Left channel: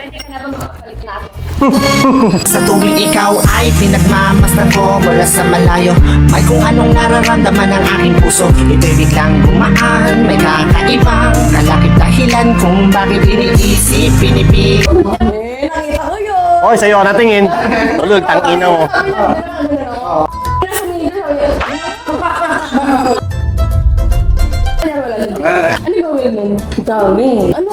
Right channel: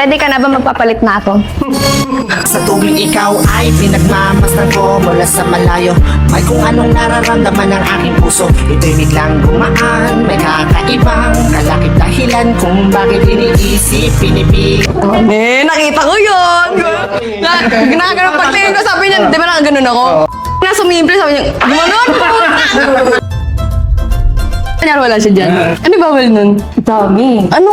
Ready ka na ba magpapalit na ako? Sa tuwing ikaw ay pinagmamasdan ko mula sa malayo, may kung anong nararamdaman ng aking puso. Ito'y biglang gumaan, may kakaibang kalakip dahilan kung bakit iniisip, pinipig. Nakita ko yun! Oh, sa'yo ka natingin. Ginagawa ng pagtingin ko, sabi niya, di ba nakaganon ako? Na sumimple, sabi niya, gumanon! Kanyari wala siya dyan. Ano bawal nun? Dami. Ano?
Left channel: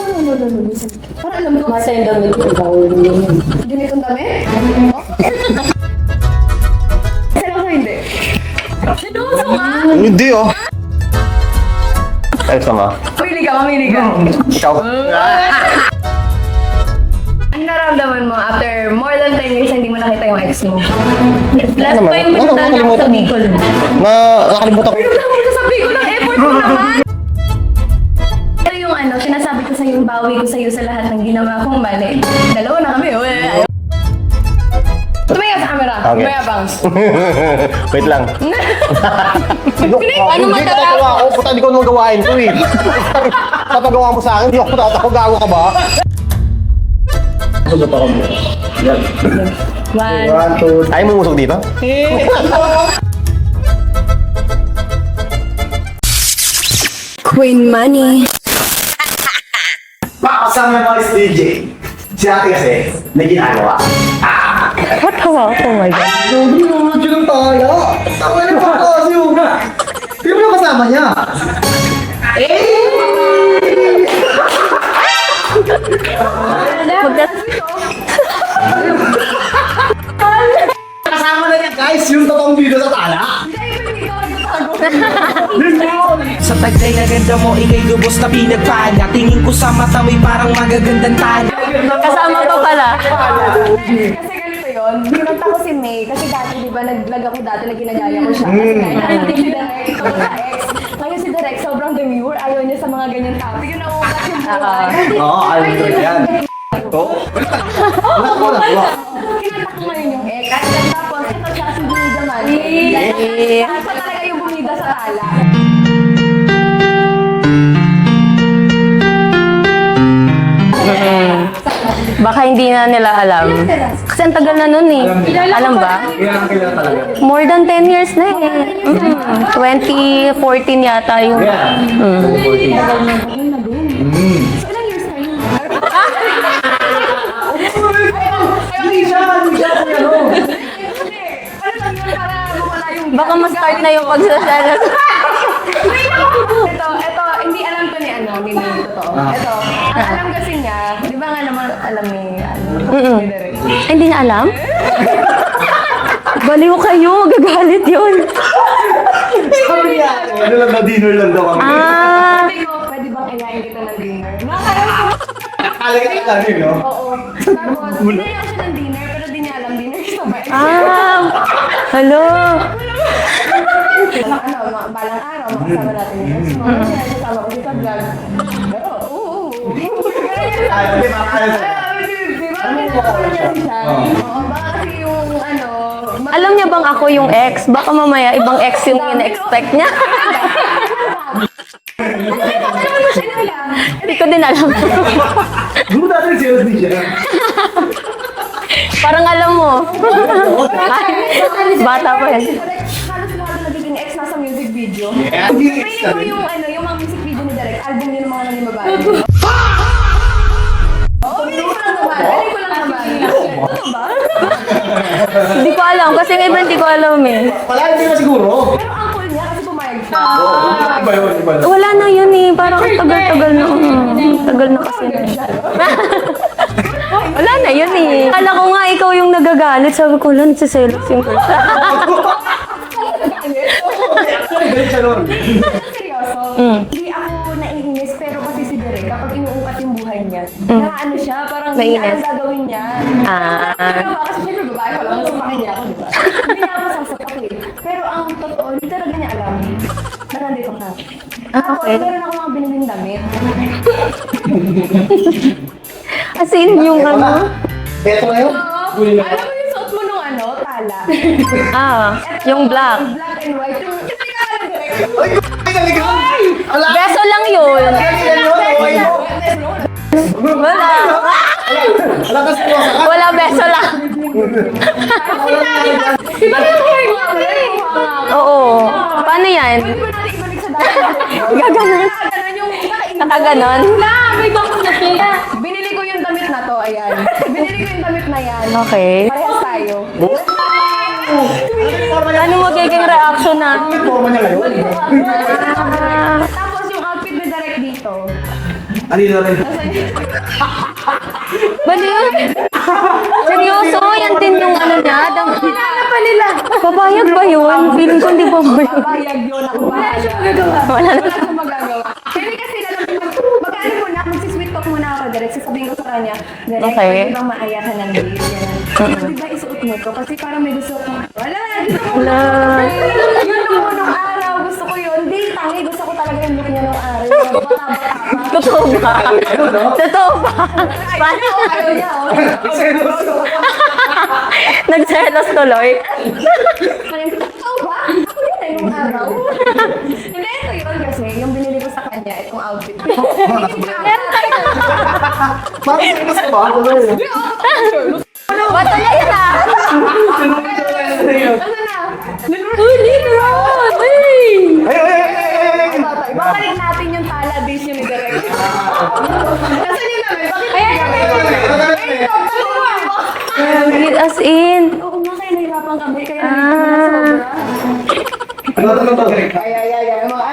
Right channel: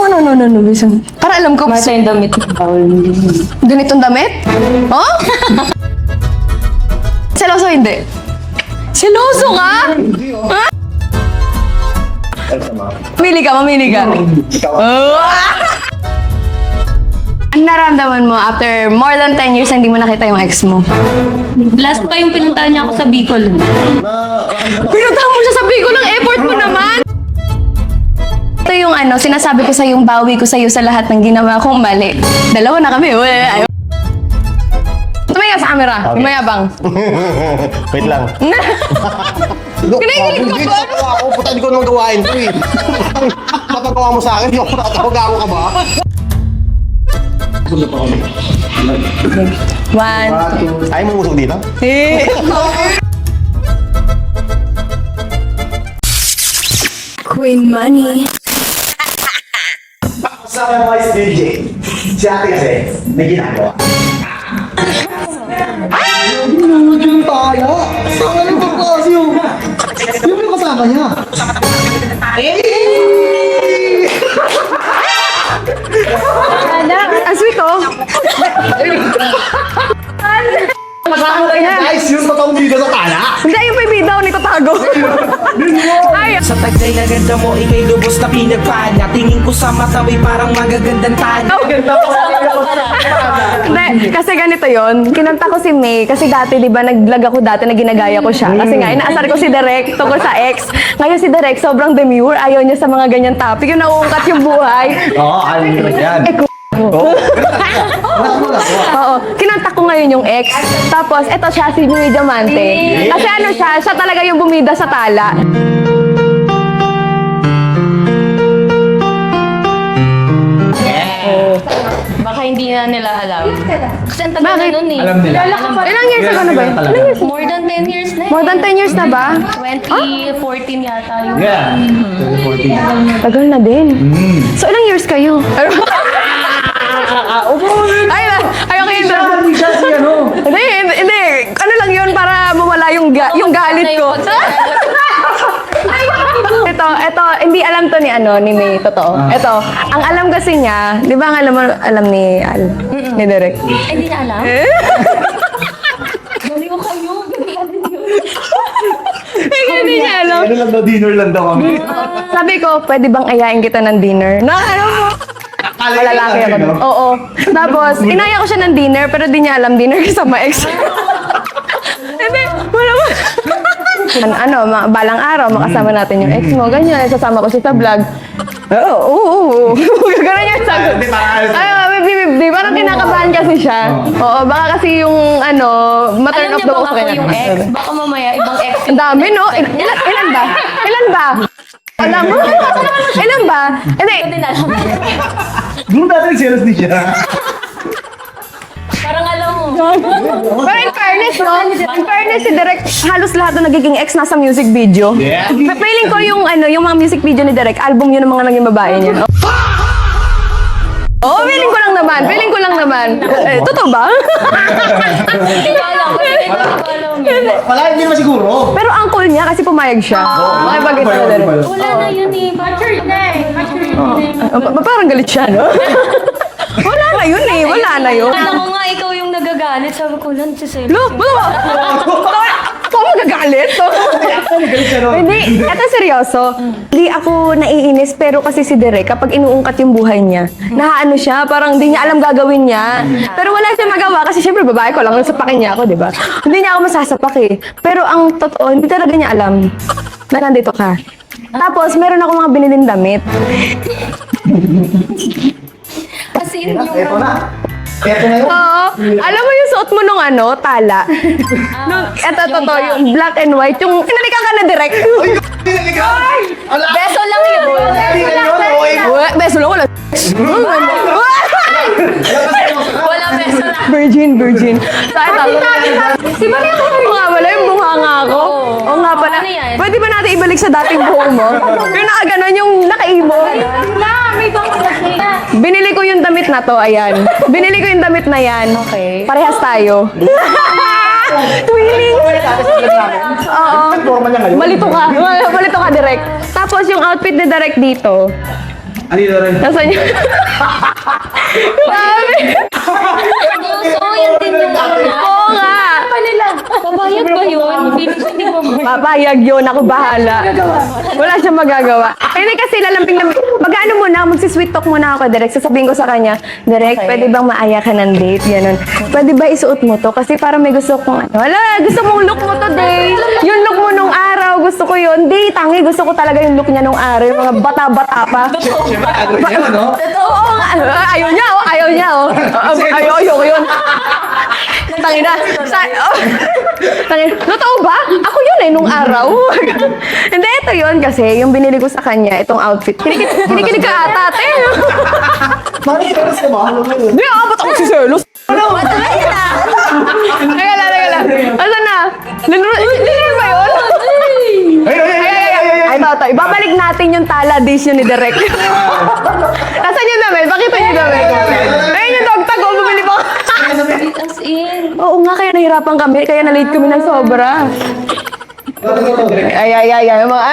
Bisan? Para alam ko. Basta yung damit ko bawal din. Ganitong damit? Oh? Seloso hindi. Seloso ka? Hindi oh. Ito nga. Mamili ka. Ikaw. Ano naramdaman mo after more than 10 years na hindi mo nakita yung ex mo? Last pa yung pinuntahan niya ako sa Bicol. Nakakalimutan ko. Pinuntahan mo siya sa Bicol ng effort mo naman! Ito yung sinasabi ko sa yung bawi ko sa iyo sa lahat ng ginawa kong mali. Dalawa na kami, ayaw. Tumayo sa camera, Okay. mayabang. Wait lang. Hindi natatawa ako. Puta, hindi ko naman gawain to eh. Papagawa mo sa akin, hindi ako natatawa. Gago ka ba? One. Ayaw mo musok dito? Queen Money. Kasama mo si DJ. Si ate kasi, may ginagawa. What hawa? Oh my God. Hindi mo yung tayo. Kasama na ba kasi yung... Yung yung kasama niya. Ang sweet oh. Guys, yung totoong video sa tala. Hindi, yung pibida ako nito tago. Ay, Sa taglay na ganda mo, ikay lubos na pinagpala. Tingin ko sa mata mo'y parang magagandang tala. Kasama ko pala. hindi, kasi ganito yon. Kinanta ko si May, kasi dati, di ba, nag-vlog ako dati na ginagaya ko siya. Kasi nga, inaasar ko si Derek tungkol sa ex. Ngayon si Derek, sobrang demure, ayaw niya sa mga ganyan topic. Yung nauungkat yung buhay. Oo, alam ko yan. Oo, kinanta ko ngayon yung ex. Tapos, eto siya, si May Diamante. Kasi ano siya talaga yung bumida sa tala. Baka hindi na nila alam. Kasi ang tagal na nun eh. Alam nila. Alam ba? Ilang years na ba? More than 10 years na eh. More than 10 years na ba? 2014 yata yung... Tagal na din. So, ilang years kayo? Ay, okay. Hindi. Ano lang yun para mawala yung galit na yung ko. pagsasalas. Ito, hindi alam to ni May, totoo. Ito, ang alam kasi niya, di ba ang alam ni Derek? Hindi niya alam? Baliw kayo, gagalit yun. Hindi niya alam. Ano lang daw, dinner lang daw kami. Sabi ko, pwede bang ayain kita ng dinner? Nakala mo? Lalaki ako. Oo. Tapos, inaya ko siya ng dinner, pero di niya alam dinner kasama ex. Hello? Wala mo. Balang araw, makasama natin yung ex mo. Ganyan, kasama ko siya sa vlog. Oo. Ganyan yung sagot. Ay, parang kinakabahan kasi siya. Oo, baka kasi yung Alam niya bang ako yung ex? Baka mamaya ibang ex yung Ang dami, no? Ilan ba? Alam mo? Ilan ba? Hindi ko din alam. Doon natin serious din siya. Parang alam mo. Pero in fairness, no? In fairness, si Derek, halos lahat na nagiging ex nasa music video. Yeah. Feeling ko yung mga music video ni Derek, album yun ng mga naging babae niya. Oo, feeling ko lang naman. Totoo ba? Hindi ko alam. Kasi iba hindi ko alam eh. Wala, hindi ba siguro? Pero uncle niya kasi pumayag siya. Wala na yan eh. Parang ang tagal-tagal na. Parang galit siya, no? Wala na yun. Kala ko nga ikaw yung nagagalit. Sabi ko, wala, nagsiselos yun. Ako magagalit? Hindi, ito seryoso. Hindi ako naiinis, pero kasi si Derek, kapag inuungkat yung buhay niya, nahaano siya, parang hindi niya alam gagawin niya. Pero wala siyang magawa kasi syempre babae ko lang, sapakin niya ako, di ba? Hindi niya ako masasapak eh. Pero ang totoo, hindi talaga niya alam na nandito ka. Tapos, meron ako mga biniling damit. As in, yung... Eto na yun. Oo. Alam mo yung suot mo nung tala. Ito, yung black. yung black and white. Yung pinalikan ka na direct. Ay, pinalikan! Ala! Beso lang yun. Beso lang Di ba Oo nga pala, yung bunganga ako. Oo nga pala. Ano yan? Pwede ba natin ibalik sa dating buhok mo? Yung nakaganon, yung nakaibon. Nakaganon? May pang nakita. Binili ko yung damit na to, ayan. Binili ko yung damit na yan. Okay. Parehas tayo. Twinning! Ano mo magiging reaction na? Forma niya ngayon. Malito ka. Malito ka, Direk. Tapos yung outfit ni Direk dito. Ano yun rin? Nasaan niya? Seryoso, yan din yung ano niya. Oo nga. Papayag ba yun? Feeling ko hindi mo. Papayag yun, ako bahala. Wala siyang magagawa. Hindi kasi lalambing na, mag-ano muna, magsisweet talk muna ako, Direk. Sasabihin ko sa kanya, Direk, Okay. pwede bang maaya ka ng date? Ganun. Pwede ba isuot mo to? Kasi parang may gusto kong, wala, gusto mong look mo to, date. Yung look mo nung araw, gusto ko yun. Date, tangi, gusto ko talaga yung look niya nung araw. Yung mga bata-bata pa. Totoo ba nga? Ayaw niya, oh. Ayaw niya, oh. Ayaw ko yun. Nagtangitas tuloy. Totoo ba? Ako yun nung araw. Hindi, ito yun kasi yung binili ko sa kanya, itong outfit. Kinikilig ka ata, ate. Serious ka ba? Hindi, ba't ako si Serlos? Matagal na. Teka lang. Asan na? Hindi ba yun? Ay, ito. Ibabalik natin yung tala dish yun ni Direk. Asan yung damit? Pakita yung damit. Ayun yung dog tag ko, bumili ko. As in. Oo nga, kaya nahirapan kami. Kaya na-late kami ng sobra. Ay. Mga...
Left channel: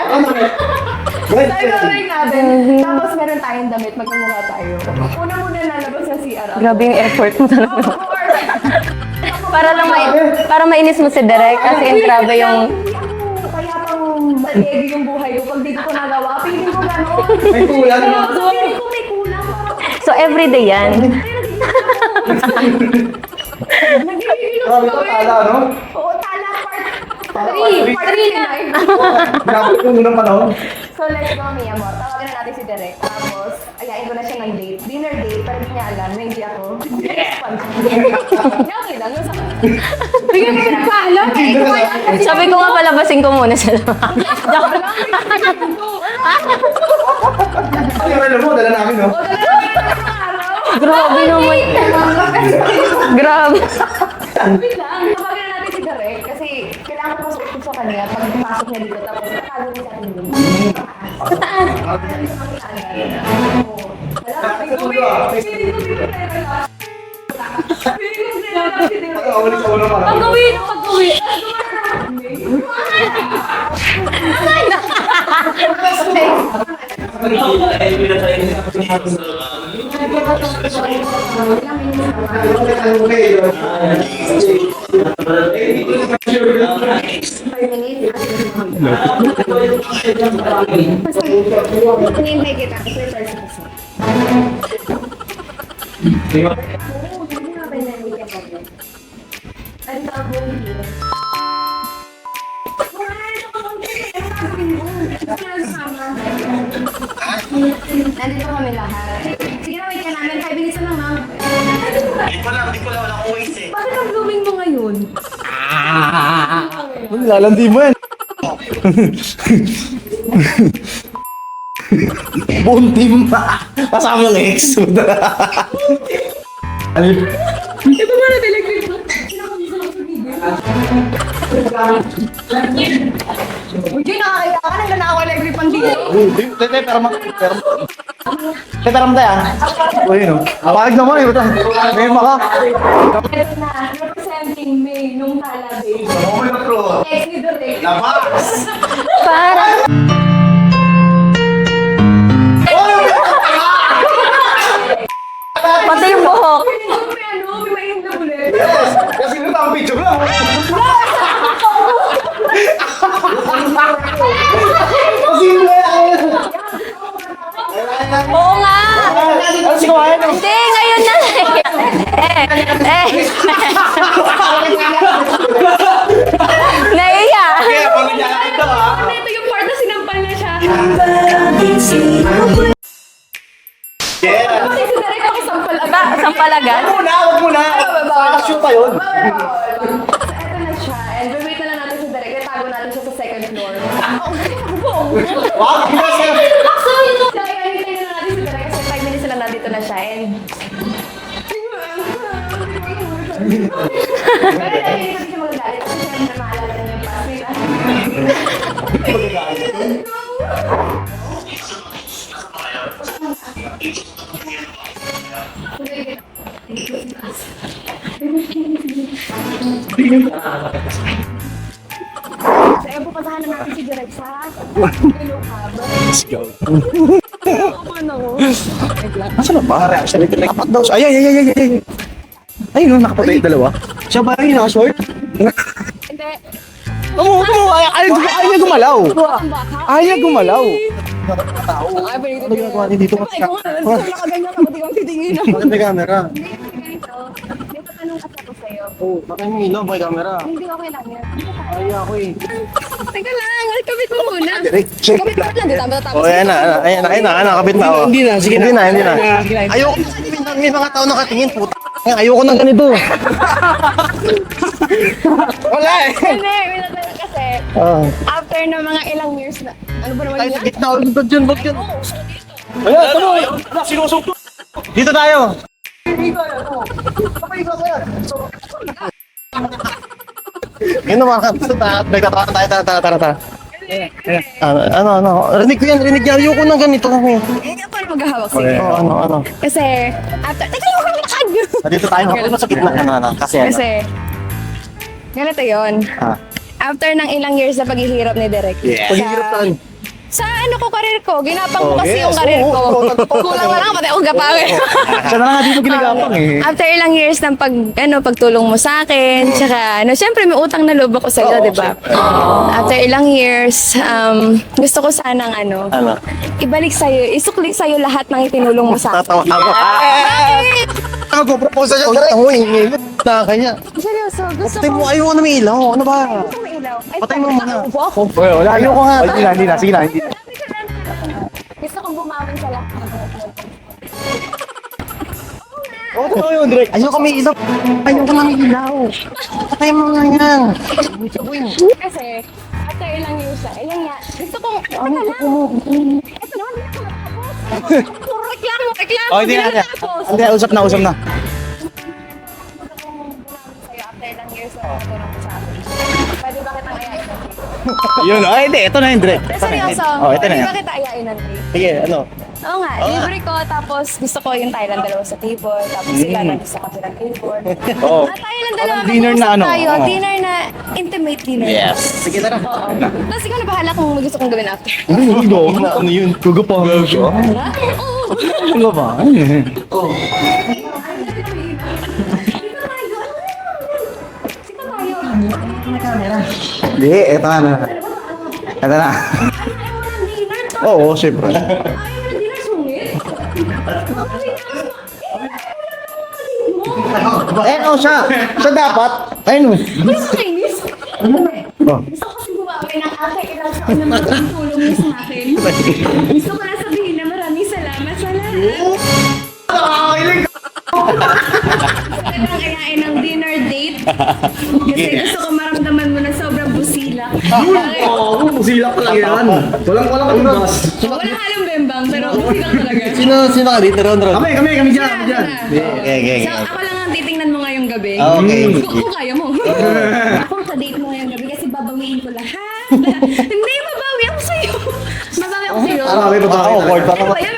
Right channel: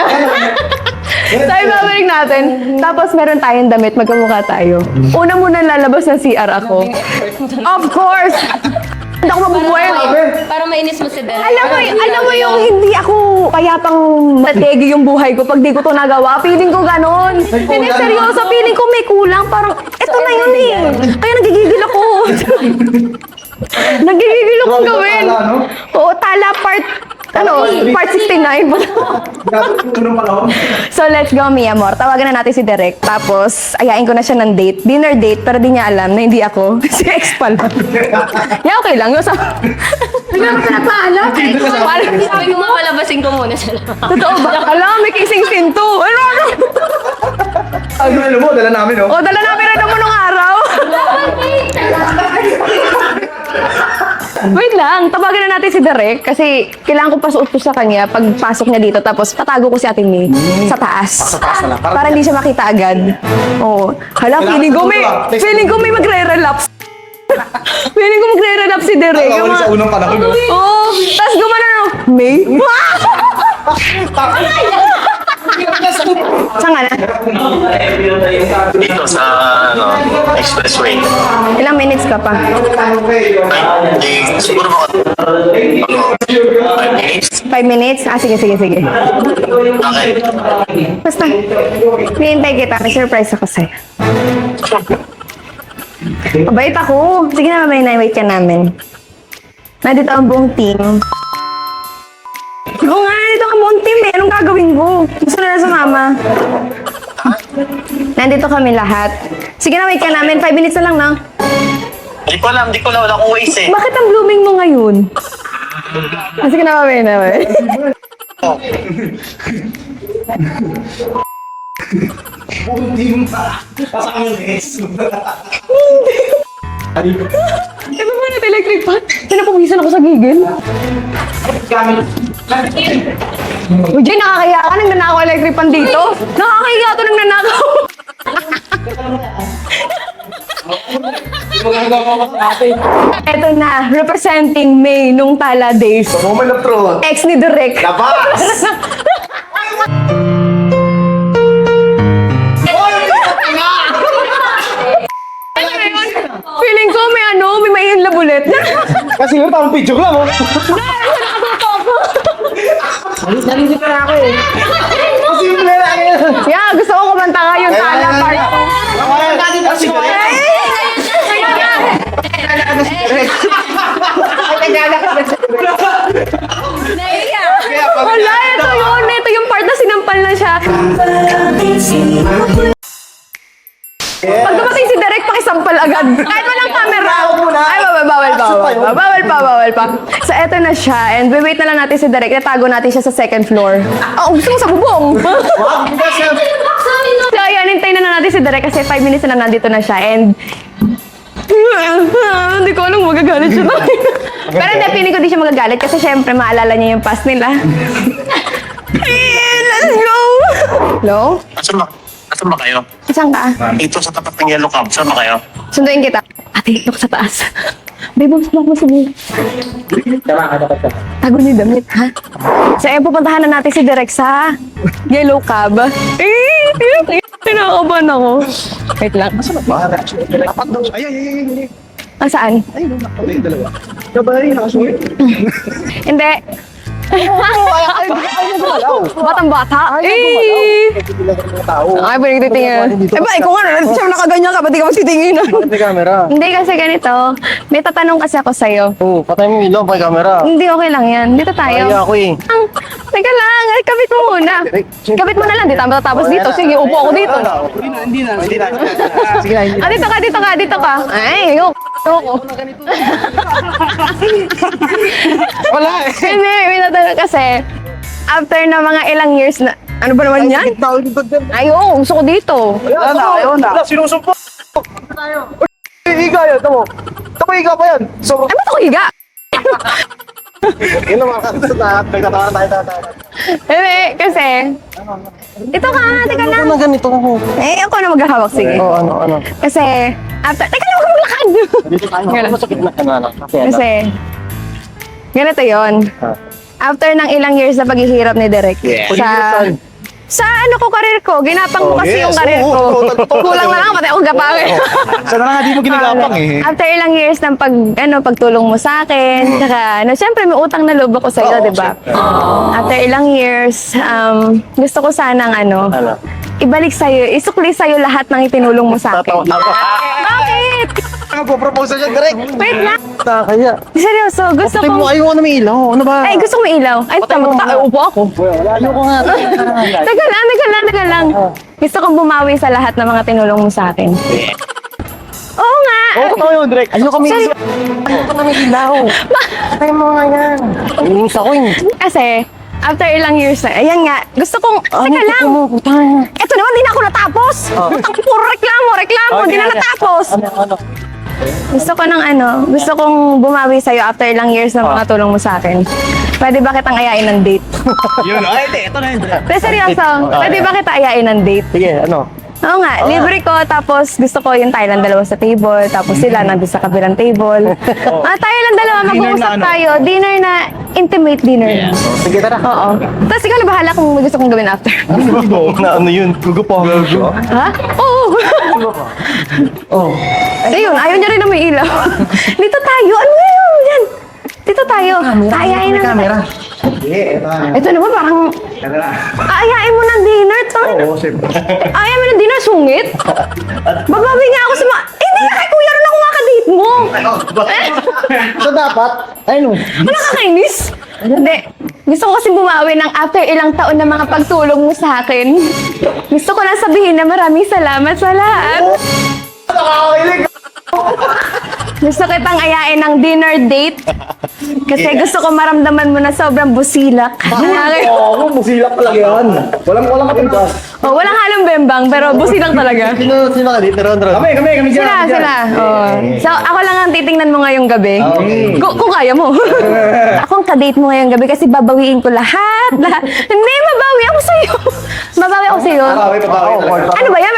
So, ibabalik natin. Tapos meron tayong damit, magkamukha tayo. Una muna lalabas ng CR ako. Grabe yung effort mo talaga. Of course! Hindi ako mabubuhay. Para mainis mo si Derek. Alam mo yung hindi ako kaya pang mategi yung buhay ko pag di ko to nagawa. Feeling ko ganon. Hindi seryoso. Feeling ko may kulang. Parang, So, eto na everyday yun. yan? Kaya nagigigil ako. Nagigigil ako gawin. Tala, no? Oo, tala part, part 69. Grabe yung unang panahon. So, let's go, mi amor. Tawagan na natin si Derek. Tapos, ayain ko na siya ng date. Dinner date, pero di niya alam na hindi ako. Si ex pala. Yeah, okay lang. Hindi ka pinagpaalam. Sabi ko nga palabasin ko muna sila. Totoo ba? Alam, may kissing scene to. Ano? Ay, dala mo, dala namin, no? O, dala namin rin naman nung araw. Grabe. Wait lang, tawagan na natin si Derek kasi kailangan ko pasuot ko sa kanya pagpasok niya dito tapos patago ko si Ate May sa taas. Para hindi siya makita agad. Oo. Hala, feeling ko may magre-relapse. Feeling ko magre-relapse si Derek. Tawag sa unang panahon. Oo. Tapos gumana no. May? Saan nga na? Dito sa expressway. Ilang minutes ka pa? Siguro mga 5 minutes. 5 minutes? Ah, sige. Okay. Basta, hinihintay kita. May surprise ako sa'yo. Mabait ako. Sige na, may-wait ka namin. Nandito ang buong team. Oo nga, nandito ang buong team eh. Anong gagawin mo? Gusto na sumama. Nandito kami lahat. Sige na, wait ka namin. 5 minutes na lang, no? Hindi ko alam, wala akong waste eh. Bakit ang blooming mo ngayon? Sige na, mamaya na. Lalandi mo yan. Buong team pa. Kasama na ex. Ano ba na electric pan? Pinapawisan ako sa gigil. Uy, Jay, nakakaya ka nang nanakaw electric pan dito. Nakakaya ka nang nanakaw. Tara mo tayo, Uy, no? Pahag naman, eh. May maka. Eto na, representing May nung Tala Days. Moment of truth. Ex ni Direk. Labas! Para. Pati yung buhok. Feeling ko may mainlove ulit. Kasi yun, parang picture lang, oh. Kasi yun lang, eh. Yeah, gusto ko kumanta nga yung Tala part. Kasi ko, ayun. Hindi, ngayon na. Naiya. Wala, ito yun. Ito yung part na sinampal na siya. Pag dumating si Derek, pakisampal agad. Sampal agad? Tawag mo na. Ay, bawal pa. Action pa yun. Bawal pa. So, eto na siya. And wait na lang natin si Derek. Natago natin siya sa second floor. Gusto mo sa bubong. Wow, kasi... So, ayan. Hintayin na natin si Derek kasi 5 minutes na lang nandito na siya. And... hindi ko alam magagawa. magagalit siya. Pero hindi, feeling ko di siya magagalit kasi syempre maalala niya yung past nila. Let's go! Hello? Asan ba kayo? Saan ka? Ito sa tapat ng yellow cab. Saan ba kayo? Sunduin kita. Ate, look sa taas. Babe, bumsmak mo si Bea. Tago ni damit, ha? So, ayun, pupuntahan na natin si Direk sa Yellow Cab. Kinakabahan ako. Wait lang. Mga reaction nito. Apat daw. Ay. Ang saan? Ay, nakapatay yung dalawa. Siya ba yun naka-short? Hindi. Ayaw gumalaw. Batang bata. Ayaw gumalaw. Ay, pinagtitingin. Eh ba, ikaw nga, siya nakaganyan ka, ba't ikaw mas titingin? Bakit may camera? Hindi kasi ganito. May tatanong kasi ako sa'yo. Oo, patay mo yung ilaw, may camera. Hindi, okay lang yan. Dito tayo. Ayaw ako eh. Teka lang, kapit mo muna. Kapit mo na lang, di tayo matatapos dito. Sige, upo ko dito. Nakabit na ako. Hindi na. Ah, dito ka. Ay, Ayoko ng ganito. Wala eh. Hindi, may natanong kasi. After na mga ilang years na, ano ba naman yan? Gitna ulit ba dyan? Ay, oo, gusto ko dito. Ayaw na. Sinusumpo. Dito tayo. Higa yan, tamo. Tamo, higa pa yan. So, Ay, ba't ako higa? yun naman. Nagtatawa na tayo. Tara. Hindi, kasi, Rinig Ito yan, na, rinig yan. ito Ayoko na. ng ganito. ako na maghahawak, sige. Oo, ano. Kasi, after, teka lang, huwag maglakad. Dito tayo. Ganun. Sa gitna. Kasi Kasi, ganito yon. After ng ilang years na paghihirap ni Direk. Paghihirap saan? Sa ano ko, karir ko. Ginapang ko kasi yes. yung karir ko. Oo. Kulang na lang, pati ako gapangin. Sana nga di mo ginagapang eh. After ilang years ng pagtulong mo sa akin, tsaka, syempre may utang na loob ako sa'yo, di ba? After ilang years, gusto ko sanang ibalik sa'yo, isukli sa'yo lahat ng itinulong mo sa akin. Bakit? Mag-propose siya direct. Wait lang. Kaya. Seryoso, gusto Tingin mo, ko... ayaw na may ilaw. Ano ba? Ay, gusto ko may ilaw. Ay, upo ako. Wala. Ayoko nga. Sige na. Teka lang. Gusto kong bumawi sa lahat ng mga tinulong mo sa akin. Oo nga. Oo, totoo yun, direct. Ayoko may ilaw. Ayoko na may ilaw. Patay mo nga yan. Inis ako yun. Kasi, after ilang years na, ayan nga, gusto kong, teka lang. Eto naman, di na ako natapos. Puro reklamo, di na natapos. Usap na. Gusto ko gusto kong bumawi sa'yo after ilang years na mga tulong mo sa akin. Pwede ba kitang ayain ng date? Yun, hindi. Ito na yun, direct. Pero seryoso, pwede ba kita ayain ng date? Sige, ano? Oo nga, libre ko, tapos gusto ko yung Thailand dalawa sa table, tapos sila nandun sa kabilang table. Thailand dalawa, mag-uusap tayo. Dinner na, intimate dinner na. Sige, tara. Oo. Tapos ikaw na bahala kung gusto kong gawin after. Ano yun? Gugupahan mo siya? Ha? Oo. Ano ba? Ayun, ayaw niya rin na may ilaw. Dito tayo, ano ngayon? Yan. Dito tayo. Ayayin na. Hindi, eto na. Ito naman parang, Eto na. ayayin mo ng dinner to. Oo, siyempre. Ayayin mo ng dinner, sungit. Babawi nga ako sa mga, hindi nga kay Kuya Ron ako nga ka-date mo. Bakit ako siya? Siya dapat? Ayun. Ano nakakainis? Hindi. Gusto ko kasi bumawi ng after ilang taon na mga pagtulong mo sa akin. Gusto ko lang sabihin na maraming salamat sa lahat. Gusto kitang ayain ng dinner date. Kasi gusto ko maramdaman mo na sobrang busilak. Oo, busilak talaga yan. Walang katigas. Walang halong bembang, pero busilak talaga. Sino ka dito, Ron? Kami dyan. Sila. Oh. So, ako lang ang titingnan mo ngayong gabi. Okay. Kung kaya mo. Ako ang kadate mo ngayong gabi kasi babawiin ko lahat. Hindi, mabawi ako sa'yo. Mabawi ako sa'yo. Ano ba yan?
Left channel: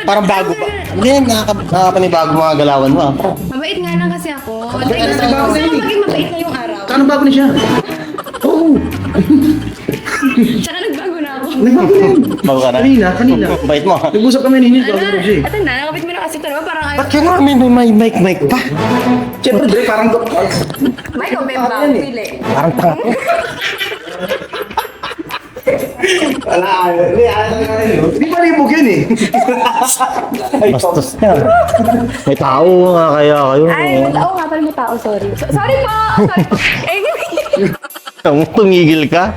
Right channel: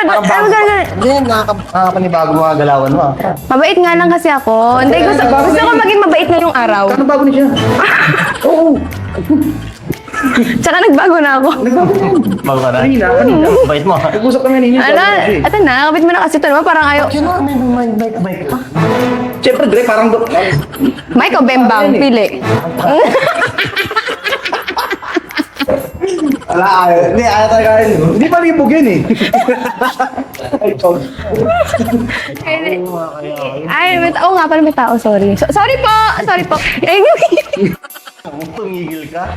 Hindi, nakakapanibago mga galawan mo. Mabait nga lang kasi ako. Hindi, gusto ko maging mabait ngayong araw. Ano bago na siya? Oo. Tsaka nagbago na ako. Bago ka na? Kanina. Bait mo. Nag-usap kami ninyo. Ito na, kapit mo na kasi ito naman. Parang ayaw. Kaya may mic pa. Siyempre, Dre, parang... Mike o Bembang? Pili. Wala, hindi, talaga yun. Hindi pa libog yan eh. Bastos ka. May tao nga kaya kayo. Ay, oo nga, parang may tao. Sorry. Sorry po! Tumigil ka?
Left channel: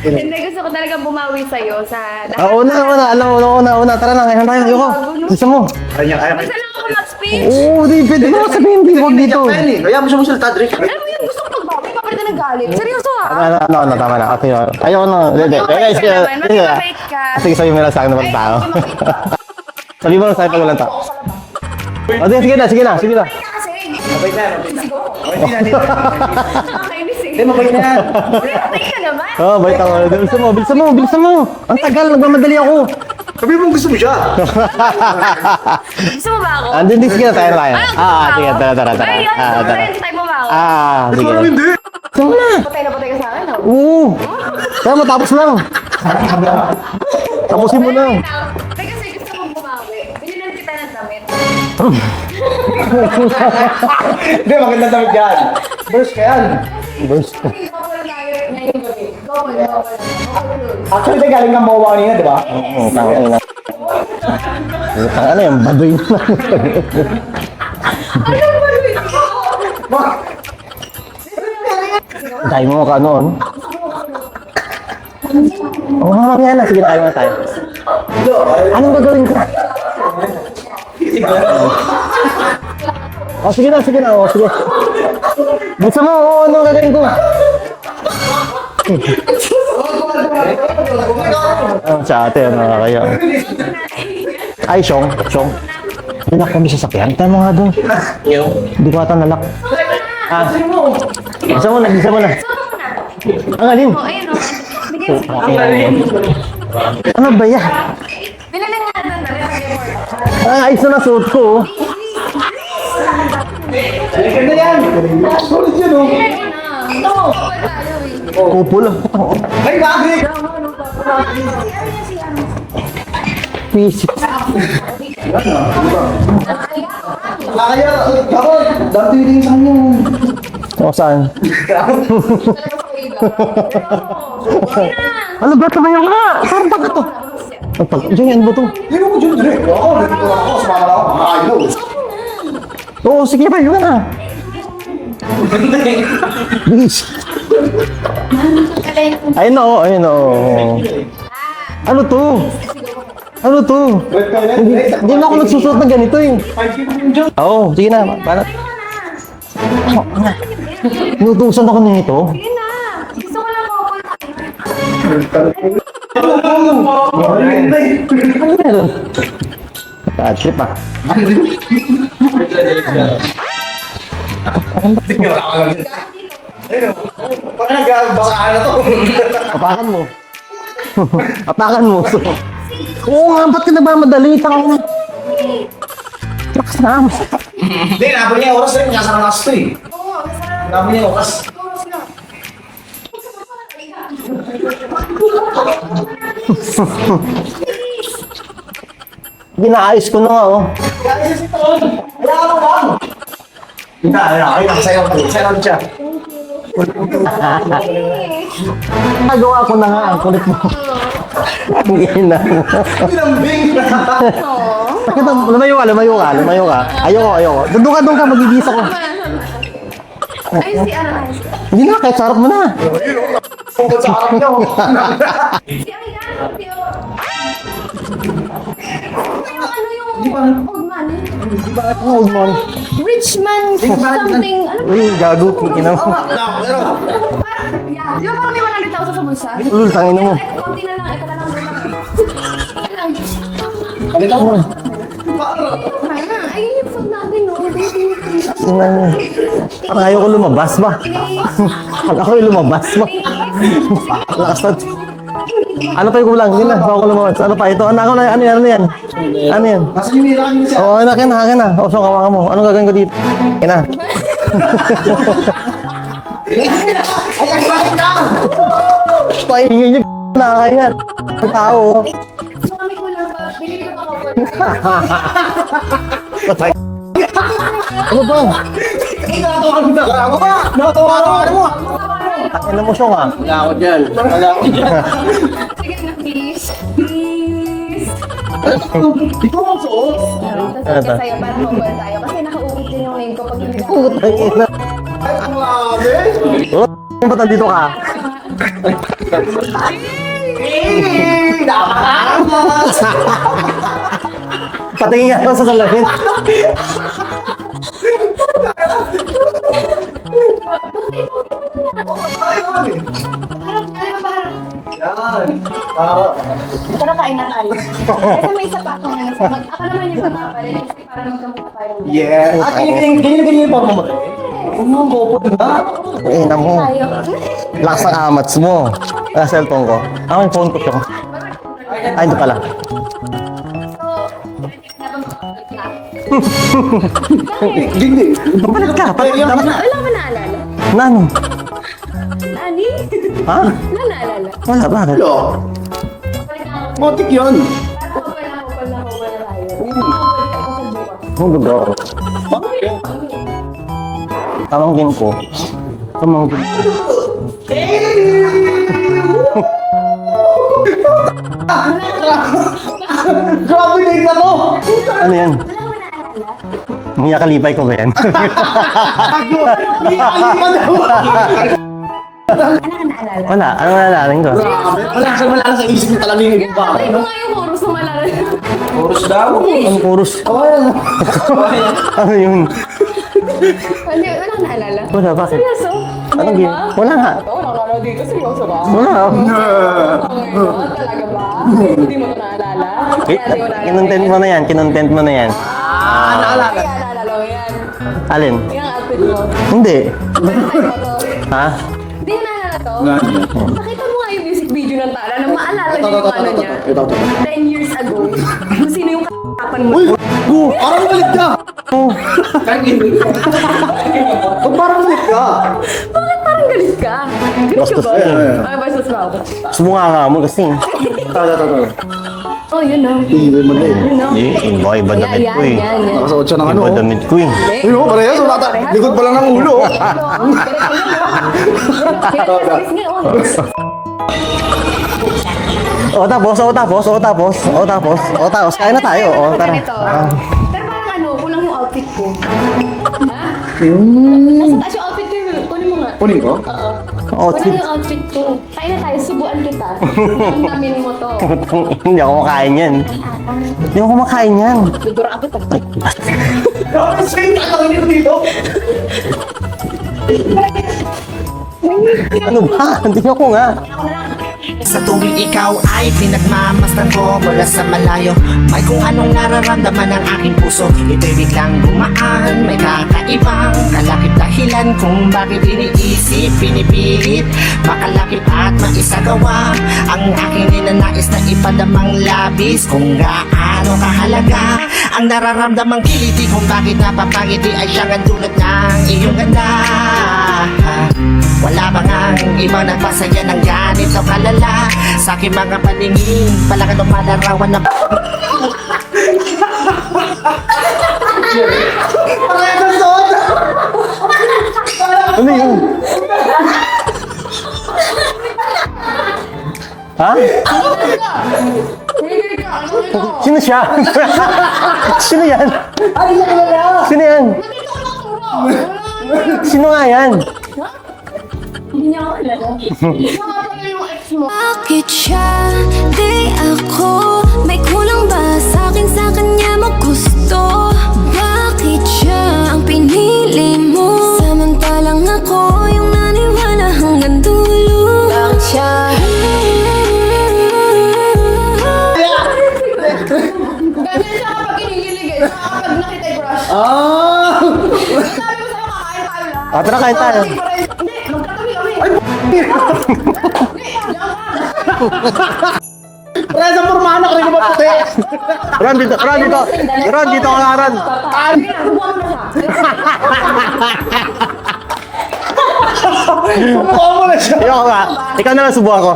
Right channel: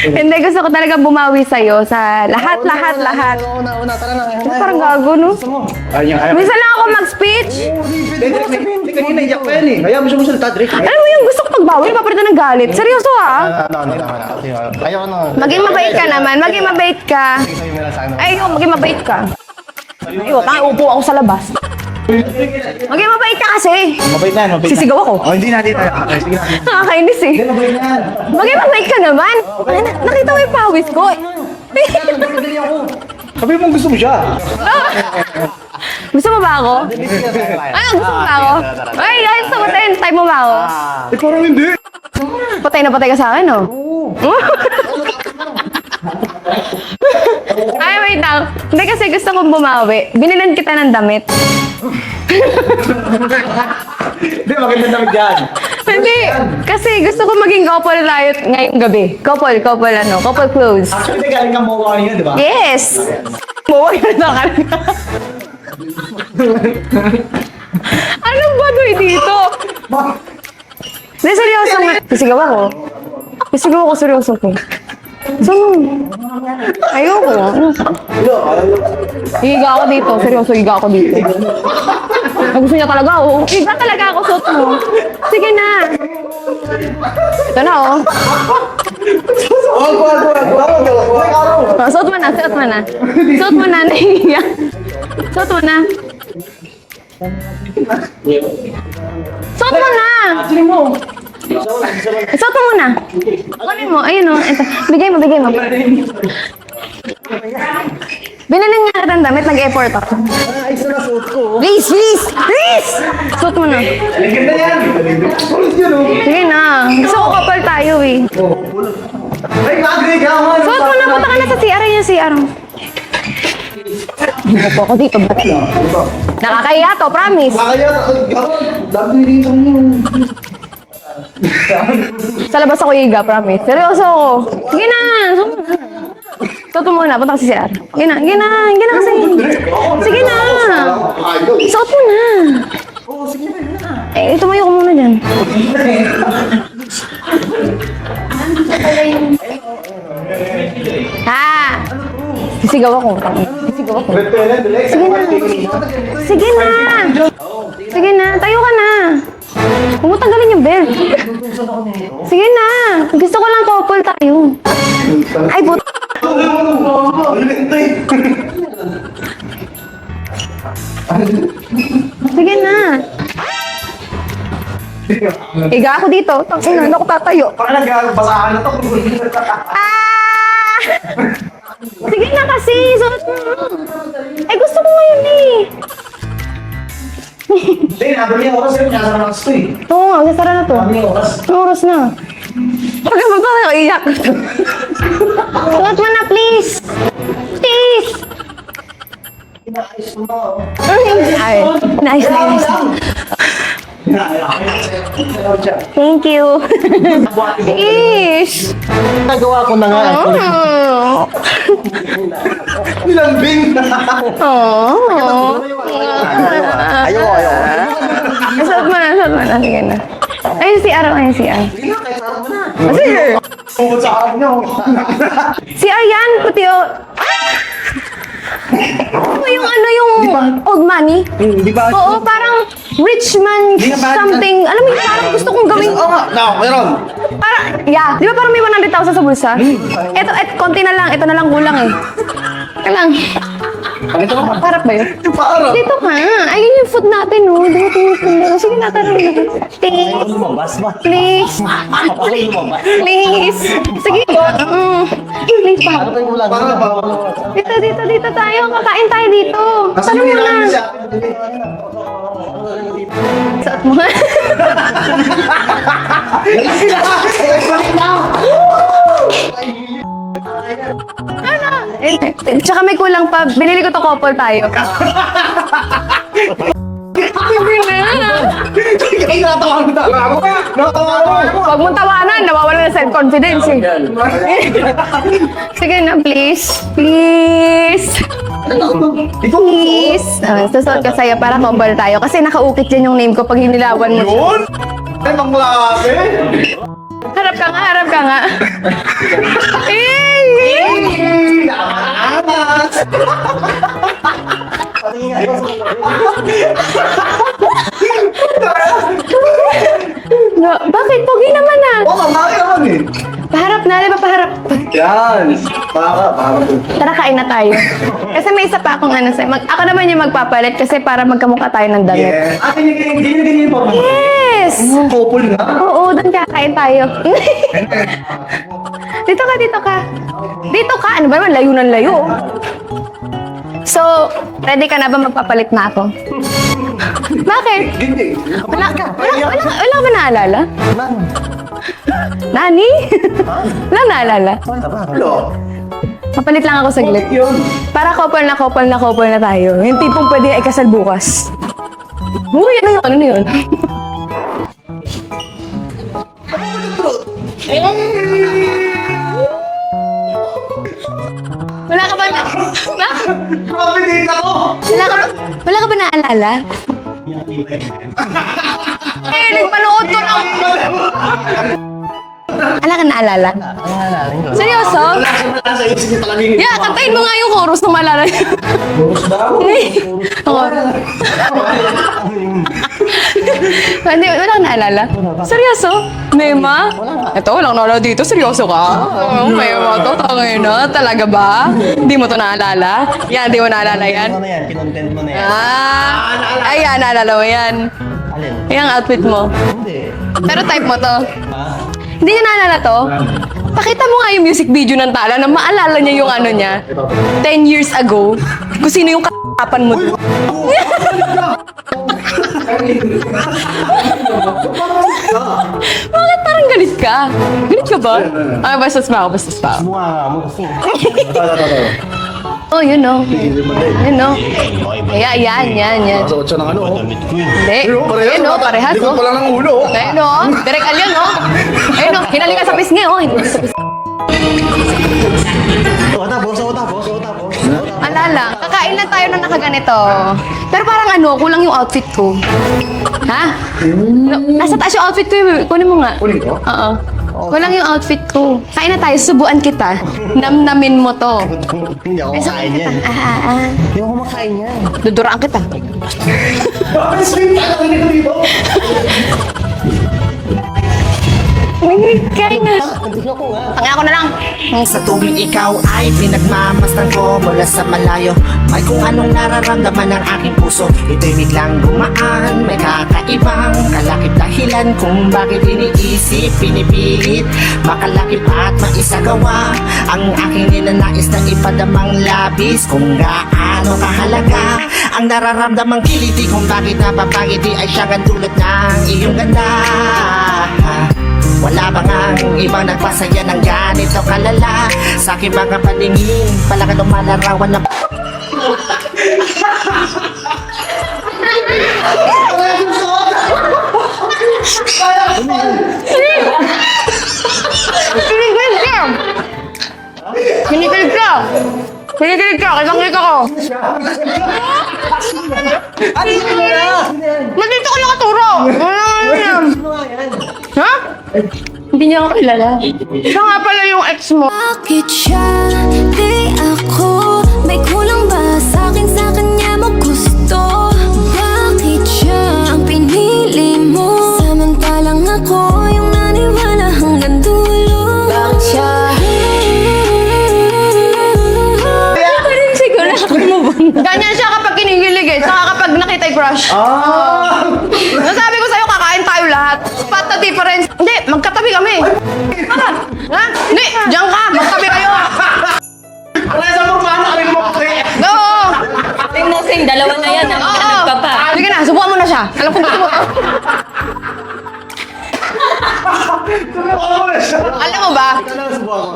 Hindi, gusto ko talaga bumawi sa'yo sa lahat. Una. Tara na, ngayon tayo. Ang bago, no? Gusto mo? Gusto lang ako mag-speech. Oo, di pwede ko sabihin dito. Kaya mo siya mo salita, Dre. Alam mo yun, gusto ko pagbawi, papalitan ng galit. Seryoso ah. Tama na. Okay, ayaw na. Maging mabait ka naman, maging mabait ka. Sige, sabi mo na sa akin naman Ay, tao. maging mabait ka. Sabi mo na sa akin Upo naman tao. ako sa labas. Sige na, sige na. Maging mabait ka kasi. Mabait na, mabait na. Sisigaw ako. Oh, hindi na, hindi na. Sige. Nakakainis eh. Mabait na. Maging mabait ka naman. Oo, bait ako. Nakita mo yung pawis ko. Bilisan mo. Ang tagal, nagmamadali ako. Sabi mo gusto mo siya. Gusto mo ba ako? Andun din, sige na, tayo. Ay, gusto mo ba sige, ako? tara. Ay, gusto mo tayo. Type mo ba ako? Sige. Hindi. Gusto mo na. Patay na patay ka sa akin, oh. Oo. Kaya matapos lang. Tapusin mo Ay, na. wait lang. Hindi kasi gusto kong bumawi. Binilan kita ng damit. Hindi, maganda damit yan. Hindi. Kasi gusto ko maging couple tayo ngayong gabi. Couple clothes. Actually, galing ka mawawa niya, di ba? Yes! Buwag na ka. Ano yung baboy na? Anong bagoy dito? Hindi, seryoso nga. Sisigaw ako. Ay mo ka noon. Sisigaw ako, seryoso ko. So, Oo, mamaya na. Sige na. ayoko. Anong gagawin ko? Higa ako dito. Seryoso, higa ako dito. Ay, gusto niya talaga, oh. sige Higa na, sige talaga na, ako. sige na. Sige na. Gusto mo, oo, anong gagawin ko? Ito na, oh. Suot mo na, suot mo na. Suot mo na, nahihiya. Ay, Shong. Suot mo na. Nalak kami sa sakyan. Tayo mo nga doon. Hindi ko ata nalak. Suot mo na. Isa mo na, isa mo na. Suot mo muna. Ang alin? Mo, ayun, oh. Ito. Bigay mo, bigay mo. Ano ba yan? Binilan nga kita ng damit, nag-effort ako. Ang ayos na nasuot ko. oh. Please, please, please! Suot mo na. Ganda yan. Sulit yun, oh. Sige na. Gusto ko couple tayo, eh. Kupul. Ay, bagay naman. Suot mo na, punta ka na sa CR. Ayun yung CR. Please. Gusto ko dito, bro. Nakakahiya to, promise. Kaya, ako, dati din sa kanya. O, saan? Sa labas ako higa, promise. Seryoso ako. Sige na. Ano ba tumayo ka? Suot mo muna, punta ka sa CR. Sige na, sige na, sige na. Sige na. Suot mo na. Oo, sige pa, yun na. Eh, tumayo ko muna dyan. Please. Ayun na, oh, ayun na. oh. Ha? Ano to? Sisigaw ako. Ano to? Hindi na ako nagsusuot na ganito eh. Sige na. Oo, sige na. Sige na, tayo ka na. Huwag mo tanggalin yung belt. Tinutusan ako nito. Sige na. Gusto ko lang couple tayo. Ay, but... Bad trip ah. Sige na. Higa ako dito. Tangina, ako tatayo. Parang nagbasahan na to. Apakan mo. Apakan mo. Sige na kasi. Oo nga, ba't ka nagmamadali? Eh, gusto ko ngayon eh. Lakas na amo. Hindi, nabot niya oras eh. Kaya sa nakas to eh. Oo nga, nasara na to. Nabot niya oras. Anong oras na? Pagka ba ako iyak? Suot mo na, please. Please. Ginaayos ko na nga oh. Ay, nice, nice. Ay, nakasaya ko. Sarap siya. Thank you. Please. Nagawa ko na nga. Gina. Lambing. Lumayo ka. Ayoko. Doon ka, magigisa ko. Suot mo na. Sige na. Ayun si Aaron, ayun si Aaron. Hindi na, kahit sarap mo na. Tungkol sa akin niyo. Si Aryan, puti o... Ano yung old money? Di ba? Oo, parang rich man something. Alam mo yun, parang gusto kong gawin. Meron. Parang, yeah. Di ba parang may 100,000 sa bulsa? tangin mo. Konti na lang. Ito na lang kulang eh. Ito lang. Harap ba yun? Dito ka. Ayun yung food natin, oh. Sige natin. Parang ayaw ko lumabas ba? Please. Ako yung lumabas ba? Please. Sige. Please pa. Ano pa yung kulang? Hindi na, ako lumabas. Ano pa? Ito, ano yan? Kain tayo dito. Ano yan? Nasa yung nila kami siya. Oo, akin na. O, so, kawakan mo. Anong gagawin ko dito? Kailan? Ay, bakit na? Paingin niyo na kaya. Tao. Tsaka may kulang pa. Binili ko to couple tayo. Ay, natawag kita. Ako ba? Natawag mo. Huwag mong tawanan. Nawawala na self-confidence eh. Sige na, please. Please. Please. Susunod ka sa'yo para couple tayo. Kasi nakaukit dyan yung name ko pag hinilawan mo. Ay, pangmaki. Ba't Harap dito ka ka? nga, harap ka nga. Patingin nga lang sa salamin. Bakit Bakit? Pogi naman ah. Oo, bakit naman eh. Paharap na, di ba paharap? Yan. Para. Tara, kain na tayo. Kasi may isa pa akong ano sa'yo. Ako naman yung magpapalit kasi para magkamukha tayo ng dalawa. Yes. Ah, ganyan yung forma mo. Yes! Couple na. Oo, doon ka, kain tayo. Lakas ang amats mo. Dito ka, dito ka. Ako yung phone ko. Dito ka, ano ba naman, layo ng layo. Ay, ito pala. So, ready ka na ba magpapalit na ako? Bakit? Hindi. Wala ka ba naalala? Nani? Nani? Ha? Wala naalala? Wala ba? Hello. Papalit lang ako saglit. Putik yun. Para couple na tayo. Yung tipong pwede ikasal bukas. Ang gusto. Ano yun? Ano yun? Tamangkin ko. Tamangkin. Wala ka ba na? Grabe din ako. Ano yan? Wala ka ba naalala? Mga kalipay ko ba yan? Ay, nagpanood ko lang. Wala ka naalala? Wala. Ano naalala ko? Seryoso? Wala sa isip mo talaga yung Yeah, kantayin mo nga yung chorus na malala. Boros daw. Ang chorus. Ano yun? Hindi, wala ka naalala? Wala, bakit? Seryoso? Mema? Wala nga. Ito, walang naalala dito. Seryoso ka? Oo, Mema. Totoo na. Talaga ba? Hindi mo to naalala? Yan, hindi mo naalala Kinontent yan? mo na yan. Kinontent mo na yan. Ayan, naalala mo yan. Alin? Yung outfit mo. Hindi. Pero type mo to. Ha? Hindi niya naalala to? Pakita mo nga yung music video ng Tala na maalala niya yung ano niya. 10 years ago. Kung sino yung kapan mo. Parang ulit ka. Parang ulit ka. Bakit parang galit ka? Galit ka ba? Ah, bastos pa ako, bastos pa ako. Sumunga ka mo kasi. Oh, yun no. Tigil mo na eh. Yun no. Iba Yan. Suot siya ng ano. Iba damit ko eh. Hindi. Ayun, parehas. Ayun, no, parehas. Likod pa lang ng ulo. Ayun no. Perek alyan no. Ayun no. Hinali ka sa pisngi oh. Tapos. Alala, kakain na tayo na nakaganito. Pero parang ano, kulang yung outfit ko. Ha? Nasa taas yung outfit ko eh. Kunin mo nga. Kunin ko? Oo. Kulang yung outfit ko. Kain na tayo, subuan kita. Namnamin mo to. Hindi ako kumakain yan. Hindi ako kumakain yan. Duduraan kita. Bakit sa'yo tatangin ko dito? Ano ba? Andun ako nga. Tangin ako na lang. Sa tuwing ikaw ay pinagmamasdan ko mula sa malayo, may kung anong nararamdaman ng aking puso. Ito'y biglang gumaan, may kakaibang kalakip dahilan kung bakit iniisip, pinipilit makalakip at maisagawa ang aking ninanais na ipadamang labis. Kung gaano kahalaga ang nararamdamang kiliti, kung bakit napapangiti ay siyang ang dulot ng iyong ganda. Wala ba ngang ibang nagpasaya ng ganito kalala? Sa aking mga paningin, pala ka lumalarawan na Ano yun? Pinigilig ka! Ha? Pinigilig ka! Pinigilig ka! Kitang-kita ko! Sino siya? Sino yan? Ay, Sino yan? Nandito ko nakaturo! Sino nga yan? Ha? Hindi niya ako kilala. Siya nga pala yung ex mo. Bakit siya, di ako? May kulang ba sa'kin, sa kanya mo gusto? Bakit siya ang pinili mo? Samantalang ako yung naniwala hanggang dulo. Bakit siya? Siguro. Ganyan siya kapag kinikilig eh. Saka kapag nakita yung crush. Nasabi ko sa'yo, kakain tayo lahat. Tara, kain What's the tayo. difference? Hindi, magkatabi kami. Ha? Hindi, diyan ka. Magkatabi kayo. Reza mo paano ka rin maputi? Go! Ron, dito. Ron, dito. Kasing dalawa Ron, na dito yan. ka, Ron. Sige na, subukan mo na siya. Alam ko na. Mukha mo na siya. Ayoko Alam mo ba? Ikaw na lang subuhan ko.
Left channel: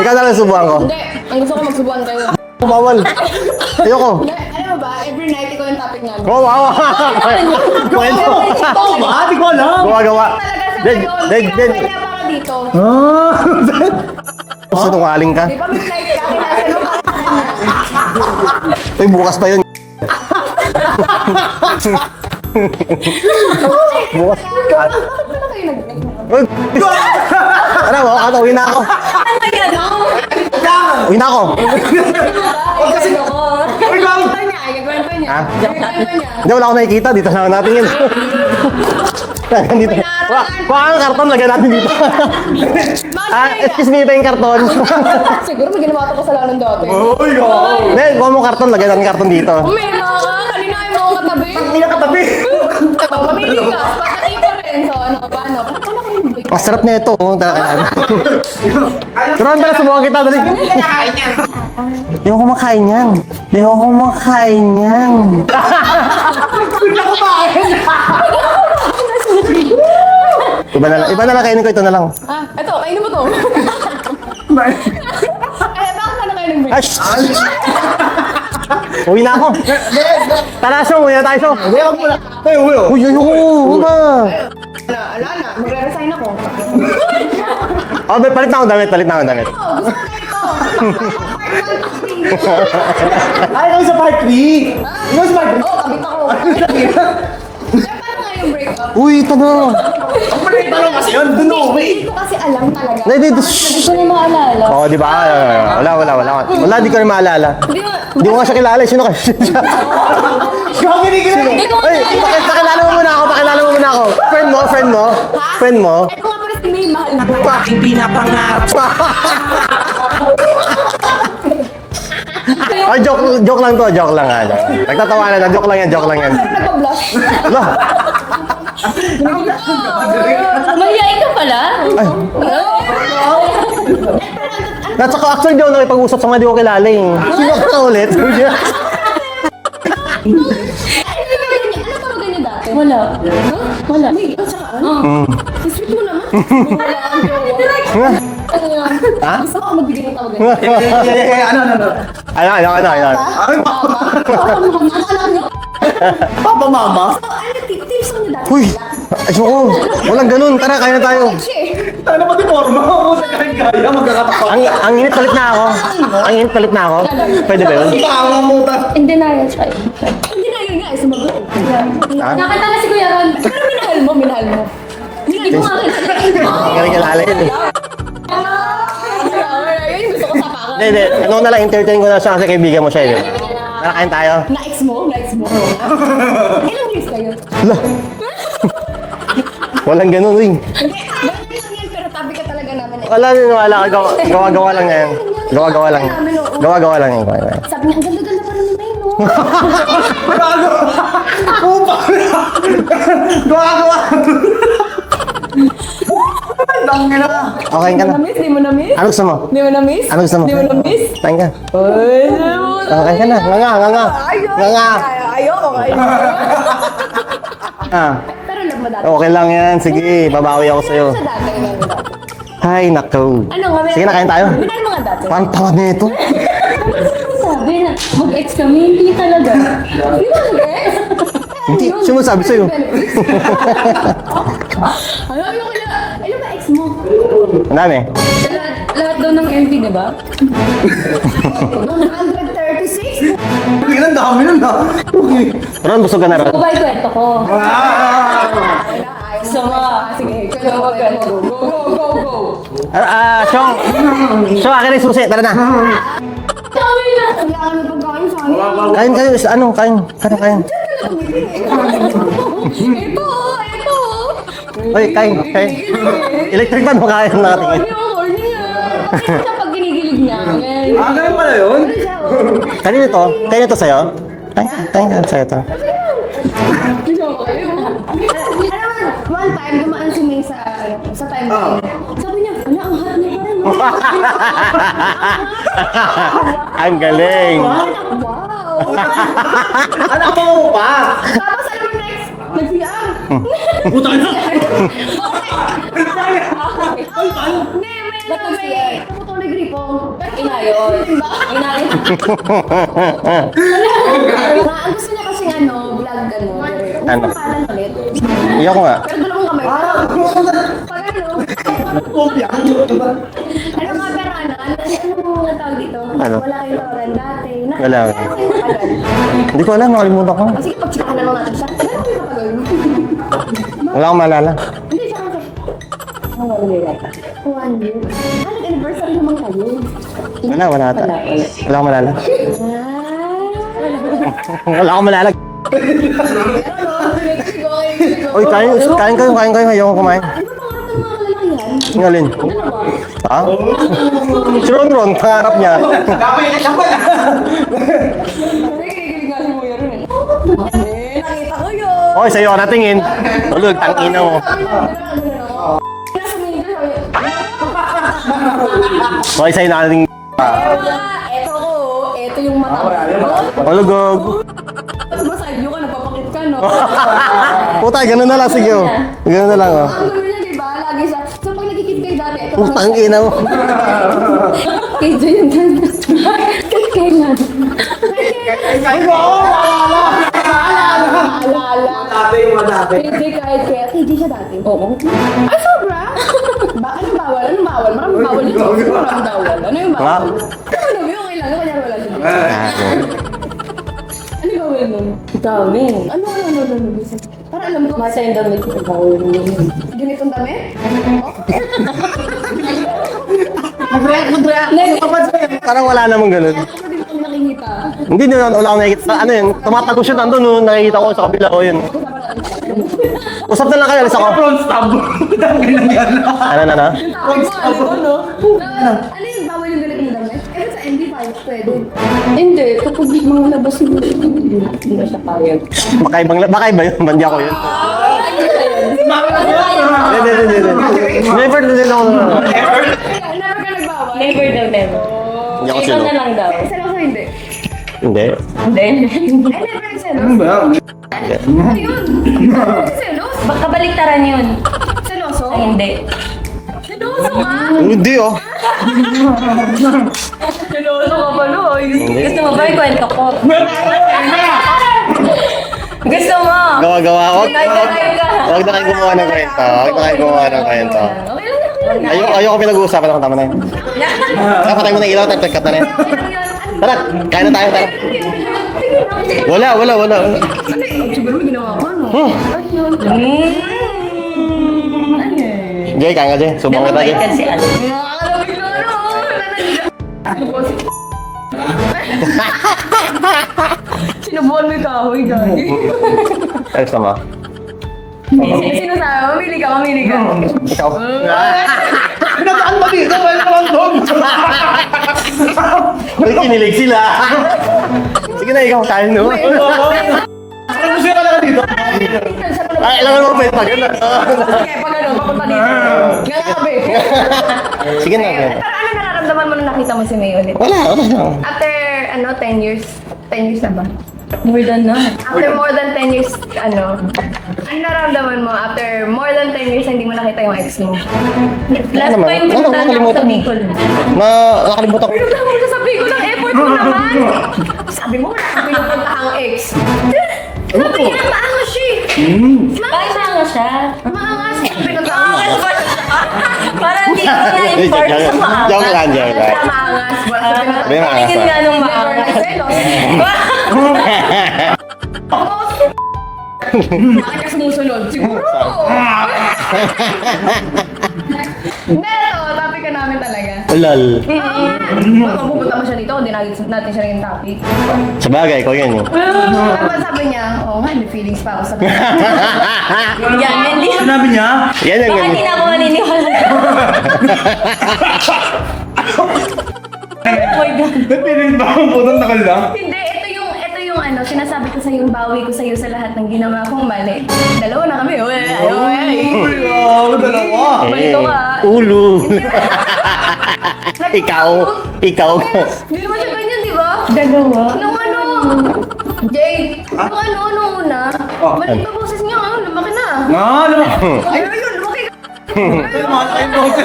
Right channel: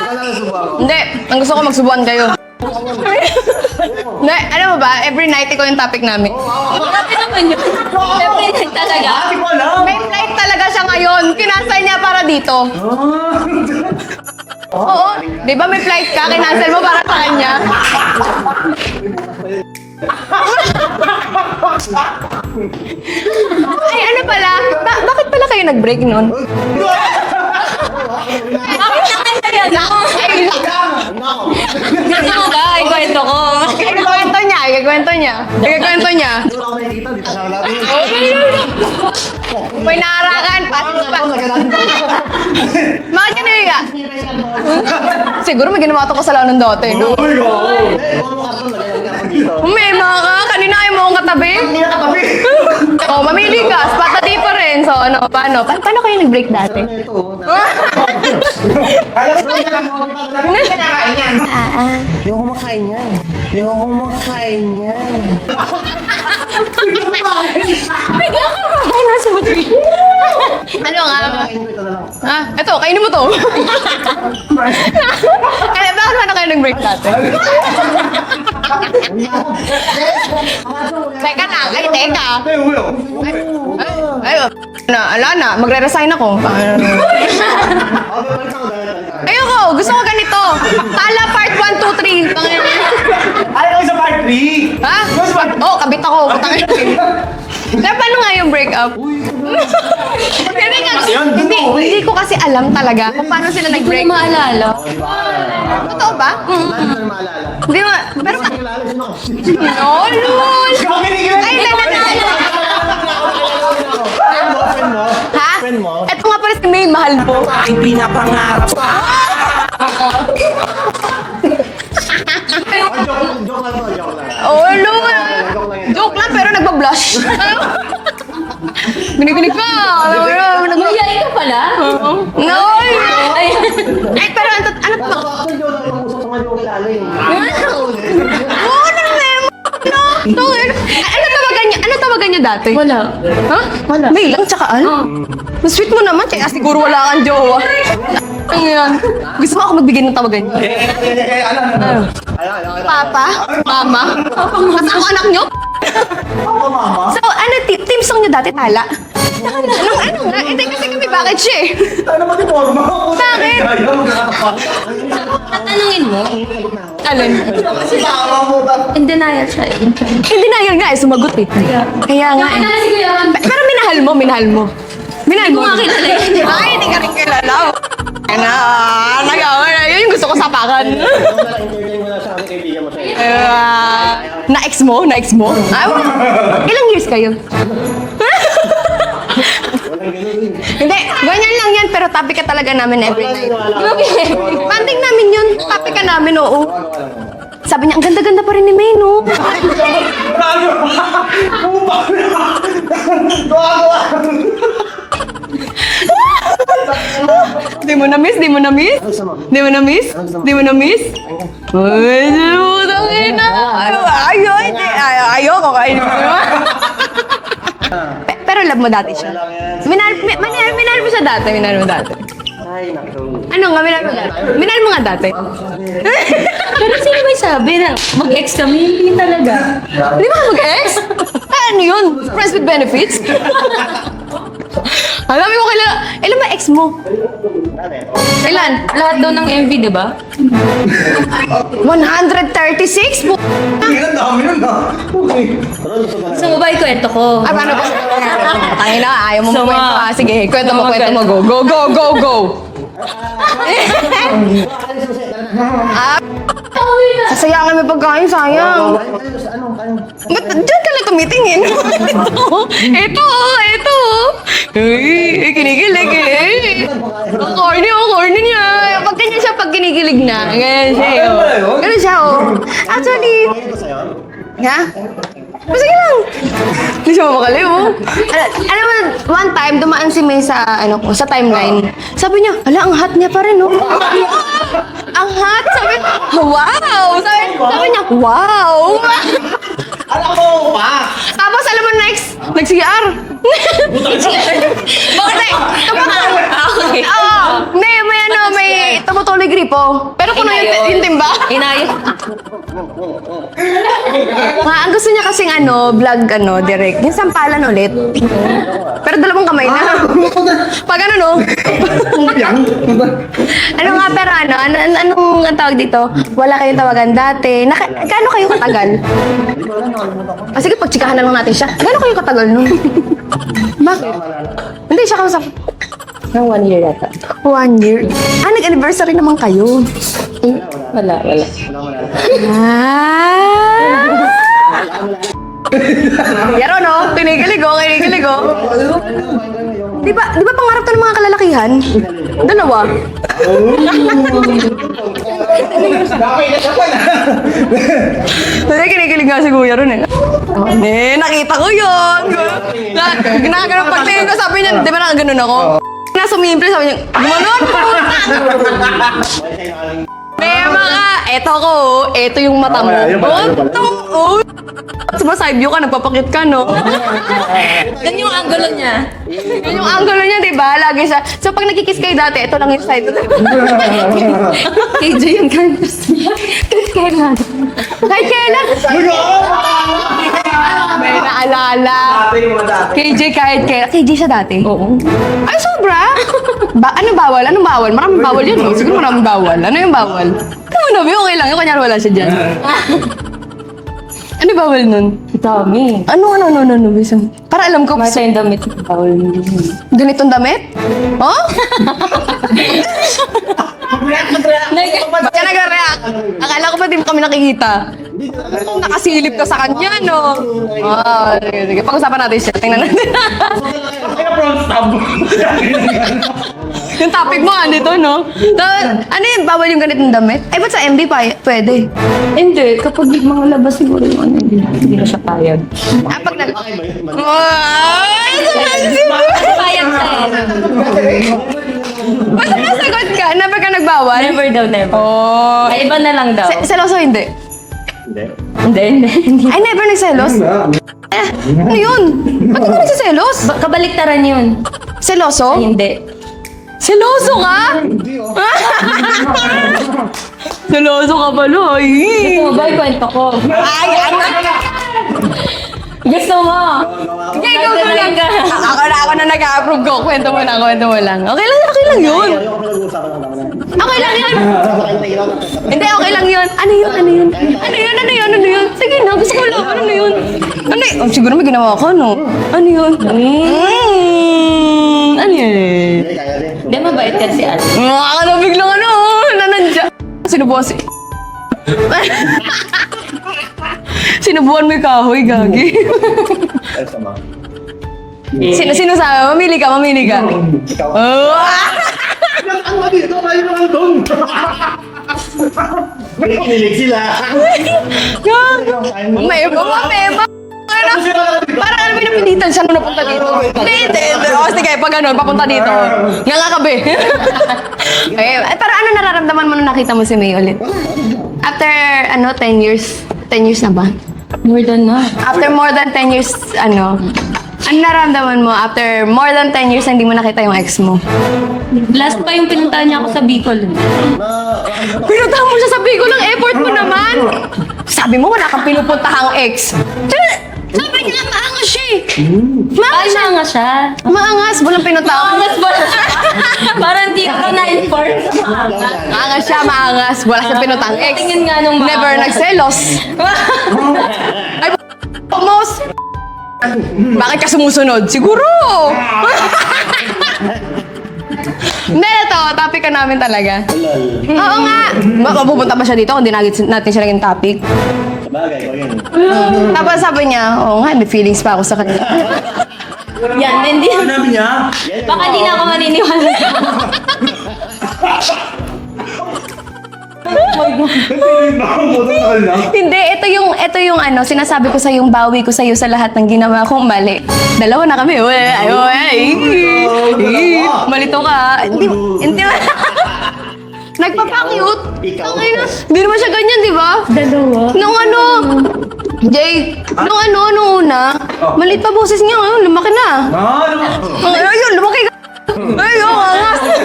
Ikaw na lang subuhan ko. Hindi, ang gusto ko magsubukan kayo. Kumawal. Ayoko. Hindi, alam mo ba, every night ikaw yung topic namin. Oh, wow. Talaga. Ate ko alam. May night talaga siya ngayon. Leg, Kinasay leg. niya para dito. Sinungaling ka. Di ba may flight ka? Kinasay mo para sa kanya. Ay, bukas pa yun. Ay, ano pala? Bakit pala kayo nag-break nun? Uy, ano mo? Uwi na ako. Uwi na ako. Ano ba? Ikwento ko. Ikwento niya, Ikikwento niya. Ikikwento niya. Hindi, wala akong nakikita. Dito na natin yun. May naarakan. Parang karton, lagyan natin dito. Mga sinaya. Excuse me, pa yung karton. Siguro may ginawa ito kasalanan dati, no? Hindi, kuha mo karton, lagyan natin karton dito. May mga ka, kanina ayaw mo akong katabi. Hindi na katabi. Oo, mamili ka. Spot the difference. So, ano, paano? Paano kayo nag-break dati? Masarap na ito. Sarap ba, subukan kita. Dali. Hindi ako kumakain yan. Hindi ako kumakain yan. Iba na lang kainin ko, ito na lang. Ah, eto, kainin mo to. Kaya bakit naman kayo nag-break dati? Uwi na ako. Tanasyo, uwi na tayo. Teka na, teka. Uy, ayoko. Una. Ay, ala na, magre-resign ako. Oh, palit na ako damit, palit na ako damit. Ayoko, gusto ko ganito. Tala part 1, 2, 3. Ay, kami sa part 3! Ha? Oo, kabit ako. Kaya paano nga yung break-up? Uy, ito na. Hindi ko kasi alam talaga Hindi, paano di- sila Hindi ko nag-break. maalala. Oo, di ba? Wala, di ko na maalala. Di ba? Hindi ko nga siya kilala. Sino ka? Oh, lol! Grabe ni Gil! Pakilala mo muna ako, pakilala mo muna ako. Friend mo, friend mo. Ha? Friend mo. Ito nga pala si May, mahal mo. Aking pinapangarap. Ay, joke lang to, joke lang. Oh, lol! Nagtatawanan na, joke lang yan, joke Joke lang lang, yan. pero nagpa-blush. Binibinig ka. Nagbayay ka pala. No! Eh, pero ano to? At saka actually, di ako nakipag-usap sa mga di ko kilala eh. Sino ka ulit? Ano tawagan niyo dati? Wala. Ha? Wala. May lang, tsaka ano? Ang sweet mo naman, kaya siguro wala kang jowa. Ano yan? Gusto mo ako magbigay ng tawagan niyo? Ano? Papa? Papa? Mas ang anak niyo? Papa, mama? So, ano, team song niyo dati, Tala? Ay, suko. Walang ganun. Tara, kaya tayo. Bakit siya eh? Ano ba di forma? Ako na Bakit? kaya magkakatapak. Ang init, palit na ako. Tanungin mo. Ang init, palit na ako. Alin? Pwede ba yun? Tama mo ta. In denial siya. Hindi na yun nga eh, sumagot eh. Kaya nga. Nakita na si Kuya Ron. Pero minahal mo. Minahal mo. Kumakita na. Ay, hindi ka lang kilala. Kaya yun yung gusto ko sapakan. Hindi. Noon na lang, entertain ko na siya kasi kaibigan mo siya eh. Nakain tayo. Na-ex mo? Na-ex mo? Ilang years kayo? Walang ganun ring. Hindi, ganyan lang yan, pero topic ka talaga namin Wala everyday. rin, wala. Gawa-gawa lang Banding yan. namin yun. Gawa-gawa Topic ka lang. namin, oo. Gawa-gawa lang yun. Sabi niya, ang ganda-ganda pa rin ni May, no? Okay Di mo ka na. na-miss? Di mo na-miss? Ano gusto mo? Di mo na-miss? Ano gusto mo? Di mo na-miss? Kain ka. Ay, di mo Okay ka na. Ayoko, kain mo. Ah, Pero love mo dati okay siya. lang yan. Sige, babawi ako Minahal sa'yo. mo siya dati, minahal mo dati. Ay, nako. Ano nga, minahal Sige na, mo kain tayo. Minahal mo nga dati. Parang tawad na ito. Pero sino may sabi na mag-ex kami? Hindi talaga. Di ba mag-ex? Ano yun? Sino sabi Friends with sa'yo? benefits? Alam mo kailan, ilan ba ex mo? Ang dami. Ilan? Lahat daw ng MV, di ba? 136 po. Ang dami nun ha. Ron, busog ka na So, ron. ba yung kwento ko? Paano ba? Ay na, ayaw mo So, kwento. Sige, kwento mo, kwento mo. Go, go, go, go, go. So, akin na yung susi. Tara na. Sayangan mo pagkain, sayang. Kain kayo. Ano? Kain. Ano Ba't kain? dyan ka lang tumitingin? Ito. Wait, kain. Kinikilig eh. Electric fan, makain lang. Corny niya. Pag ganyan siya, pag kinikilig na. Ganyan siya. ganun pala yun? Ganun siya, oh. Kain ito. Kain ito sa'yo. Ha? Kain ito sa'yo ito. Sige lang. Hindi siya mapakaliw mo. Alam mo, one time, dumaan si May sa, sa timeline. Sabi niya, ala, ang hot niya pa rin, oh. Ang hot. Sabi niya, wow. Ang galing. Sabi niya, wow. Ano mo pa? Tapos, alam mo, nag-CR. Bakit? Okay. May tumutuloy gripo. Pero puno yung timba. Inaya. Ang gusto niya kasing vlog, direct. Yung sampalan ulit. Iyak ko nga. Pero dalawang kamay na. Pag no? Ano nga, pero anong ang tawag dito? Wala kayong tawagan dati. Wala. Gaano kayo katagal? Hindi ko alam. Nakalimutan ko. Sige, pagtsikahan na lang natin siya. Gaano kayo katagal nun? Wala akong maalala. Hindi, siya kausap. Ng 1 year yata. 1 year. Nag-anniversary naman kayo. Wala. Wala akong maalala. Ah! Wala akong malalag. Yaro, no? Kinikilig, oh. Kinikilig, oh. Kain kayo. Ayoko kumain. Di ba pangarap to ng mga kalalakihan? Ang alin? Dalawa. Si Ron, kaharap niya. Kasi kinikilig nga si Kuya ron eh. Nakita ko yun. Okay, sa'yo ka natingin. Ginagawa ko sabi niya, di ba nakaganon ako? Nasa umimple, sabi niya, gumanon! Okay, sa'yo nakating... Eto ko, eto yung mata mo. Ano ba? Diba side view ka, nagpapakit ka, no? Puta, ganun na lang, sige. Ganun na lang. Yung angulo niya, di ba? Lagi sa... So, pag nagkikiss kayo dati, ito lang yung side Tangina view. mo. KJ yung ganun. Kailan? Kahit kailan? Naalala. KJ kahit kailan. KJ siya dati? Oo. Ay, sobra? Anong bawal? Anong bawal? Maraming bawal yun. Oh. Sige, maraming bawal. Ano yung bawal? Ano na, okay lang. Yung kanyari wala siya dyan. Ano yung bawal nun? Dami. Ano? Para alam ko. Masa yung damit mo. Bawal mo din yun. Ganitong damit? Oh? Parang wala namang ganun. Akala ko pa din kami nakikita. Hindi na wala akong nakikita. Nakasilip ka sa kanya, Tumatagos siya no? nandun, no? Nakikita ko sa kapila ko yun. Sige, pag-usapan natin siya. Tingnan natin. Usap na lang kayo, alis ako. Ano? Yung topic mo, ano ito, no? Tapos, ano yung bawal yung ganitong damit? Eh, ba't sa MB pa pwede? Hindi. Kapag mga labas mo rin, ano, hindi na siya payag. Baka iba yun, mandi ako yun. Never din ako. Sikat ka? Never ka nagbawal? Never daw, never. Oh. May iba na lang daw. Seloso hindi? Hindi. Hindi. Ay, never nagselos? Ano yun? Ba't ka nagsiselos? Kabaliktaran yun. Seloso? Ay, hindi. Seloso ka? Hindi, oh. Seloso ka pala. Gusto mo ba ikwento ko? Gusto mo? Gawa ako. Ako na nag-a-approve ko. Kwento mo lang. Okay lang yun. Ayoko pinag-uusapan ako, tama na yun. Okay lang yun. Patay mo na ilaw, nag-cut na Hindi, yun. okay lang yun. Ano yun? Kaya na tayo. Ano yun? Sige na, gusto ko lang. Wala. Ano yun? Oh, siguro may ginawa ka, no? Ano yun? Ano yun? Jay, kaya nga, Jay. Di Subang ba na bait tayo. yan si Al? Ano bigla ano? Nanandya. Sinubuhan Sinubuhan mo yung kahoy, gagi. Ay, sama. Sino sa? Mamili ka. Ikaw. Nasaan ba dito? Pwede naman doon. May kinilig sila. Sige na, ikaw, kain mo. May iba. Ano sila ka dito? Parang pinapilitan siya nung napunta Ay, alam mo, pwede. Hindi. O, sige, pag ano, papunta dito. Nga nga kabe. Sige na. Pero ano nararamdaman mo nung nakita mo si May ulit? After, 10 years? 10 years na ba? More than na. After more than 10 years, ano nararamdaman mo after more than 10 years na hindi mo nakita yung ex mo? Last pa yung pinuntahan niya ako sa Bicol. Nakalimutan ko. Pinuntahan mo siya sa Bicol ng effort mo naman! Sabi mo, wala kang pinupuntahang ex. Sabi niya, maangas siya eh. Maangas siya. Nga siya. Maangas, walang pinuntahan. Parang hindi ako na-inform sa maaga. Joke lang, Jay. Maangas siya, maangas. Wala sa pinuntahan ex. Tingin nga nung maaga. Never nagselos. Almost. Bakit ka sumusunod? Siguro! Hindi, ito. Topic ka namin talaga. Lal. Oo nga. Baka pupunta pa siya dito kung di natin siya naging topic. Sa bagay, ikaw yun. Tapos sabi niya, oo nga, may feelings pa ako sa kanila. Yan, hindi. Sinabi niya? Yan Baka yung... di na ako maniniwala. Napilit ba akong butang nakal na? Hindi, ito yung sinasabi ko sa yung bawi ko sa iyo sa lahat ng ginawa kong mali. Dalawa na kami. Balito ka. Ulo. Hindi. Nagpa-cute. Ikaw. Okay na. Hindi naman siya ganyan, di ba? Dalawa. Nung Jay, nung una, maliit pa boses niya ngayon, lumaki na. Ayun, lumaki ka. Ayun, angas.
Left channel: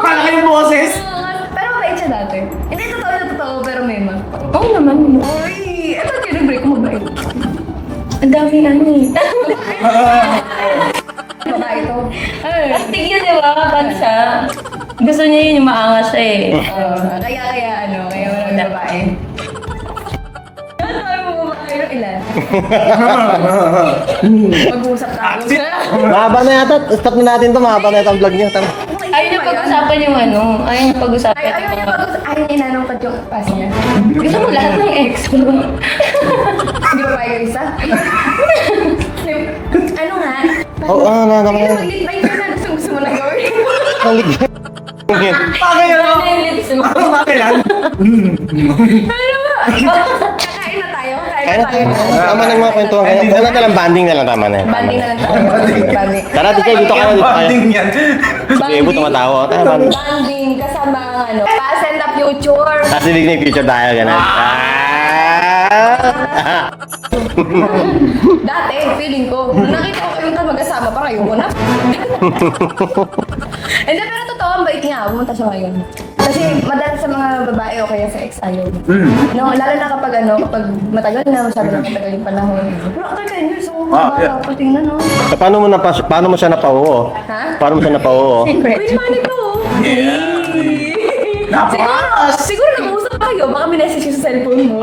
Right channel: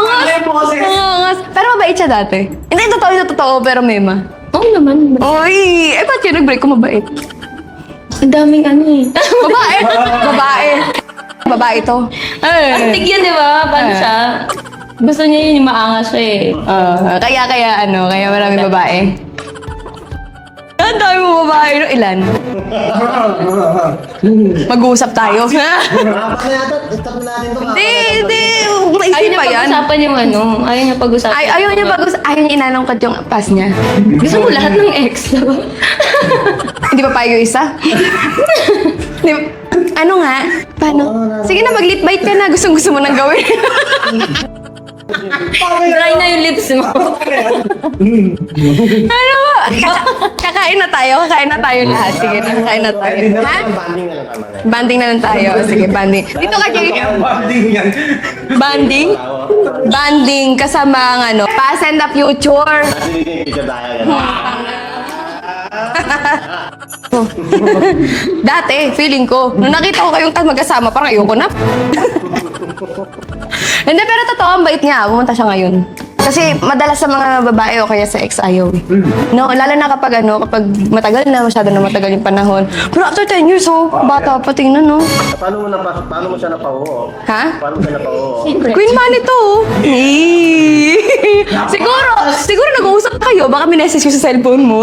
Parang yung boses. Angas. Pero mabait siya dati. Hindi, totoo, pero mema. Oo naman. Ay, ba't kayo nag-break kung mabait? Ang daming ano eh. Babae to. Ay. Astig yun, di ba? Paano siya? Gusto niya yun yung maangas siya eh. Kaya maraming babae. Ang dami mo babae, no? Ilan? Mag-uusap tayo. Mahaba na yata. Stop na natin to. Mahaba na yata ang vlog niya. Maisip Ayaw pa niya yan. pag-usapan yung ano. Ayaw niya pag-usapan. Ayaw niya inanongkat yung pass niya. Gusto mo lahat ng ex, di ba? Hindi pa payag yung isa? Di ba? Ano nga? Paano? Sige na, mag-lip bite ka na. Gusto mo nang gawin. Bagay na Try na yung lips mo. Bagay yan. Ano ba? Kakain na tayo lahat. Sige, kakain na tayo. Hindi na lang, banding na lang, tama na yan. Banding na lang tayo. Sige, banding. Tara, Ikaw, dito kayo. Banding yan. Banding? Banding kasama ang ano, pass and the future. Kasi hindi na future tayo, gano'n. Dati, feeling ko, nung nakita ko kayong magkasama, parang ayoko na. Hindi, pero totoo, ang bait niya. Pumunta siya ngayon. Kasi madalas sa mga babae o kaya sa ex ayaw. No, lalo na kapag matagal na, masyado na matagal yung panahon. Pero after 10 years, bata pa tingnan, no? Paano mo siya napauo? Ha? Paano mo siya napauo? Queen Money to. siguro nag-uusap kayo, baka minessage ko sa cellphone mo.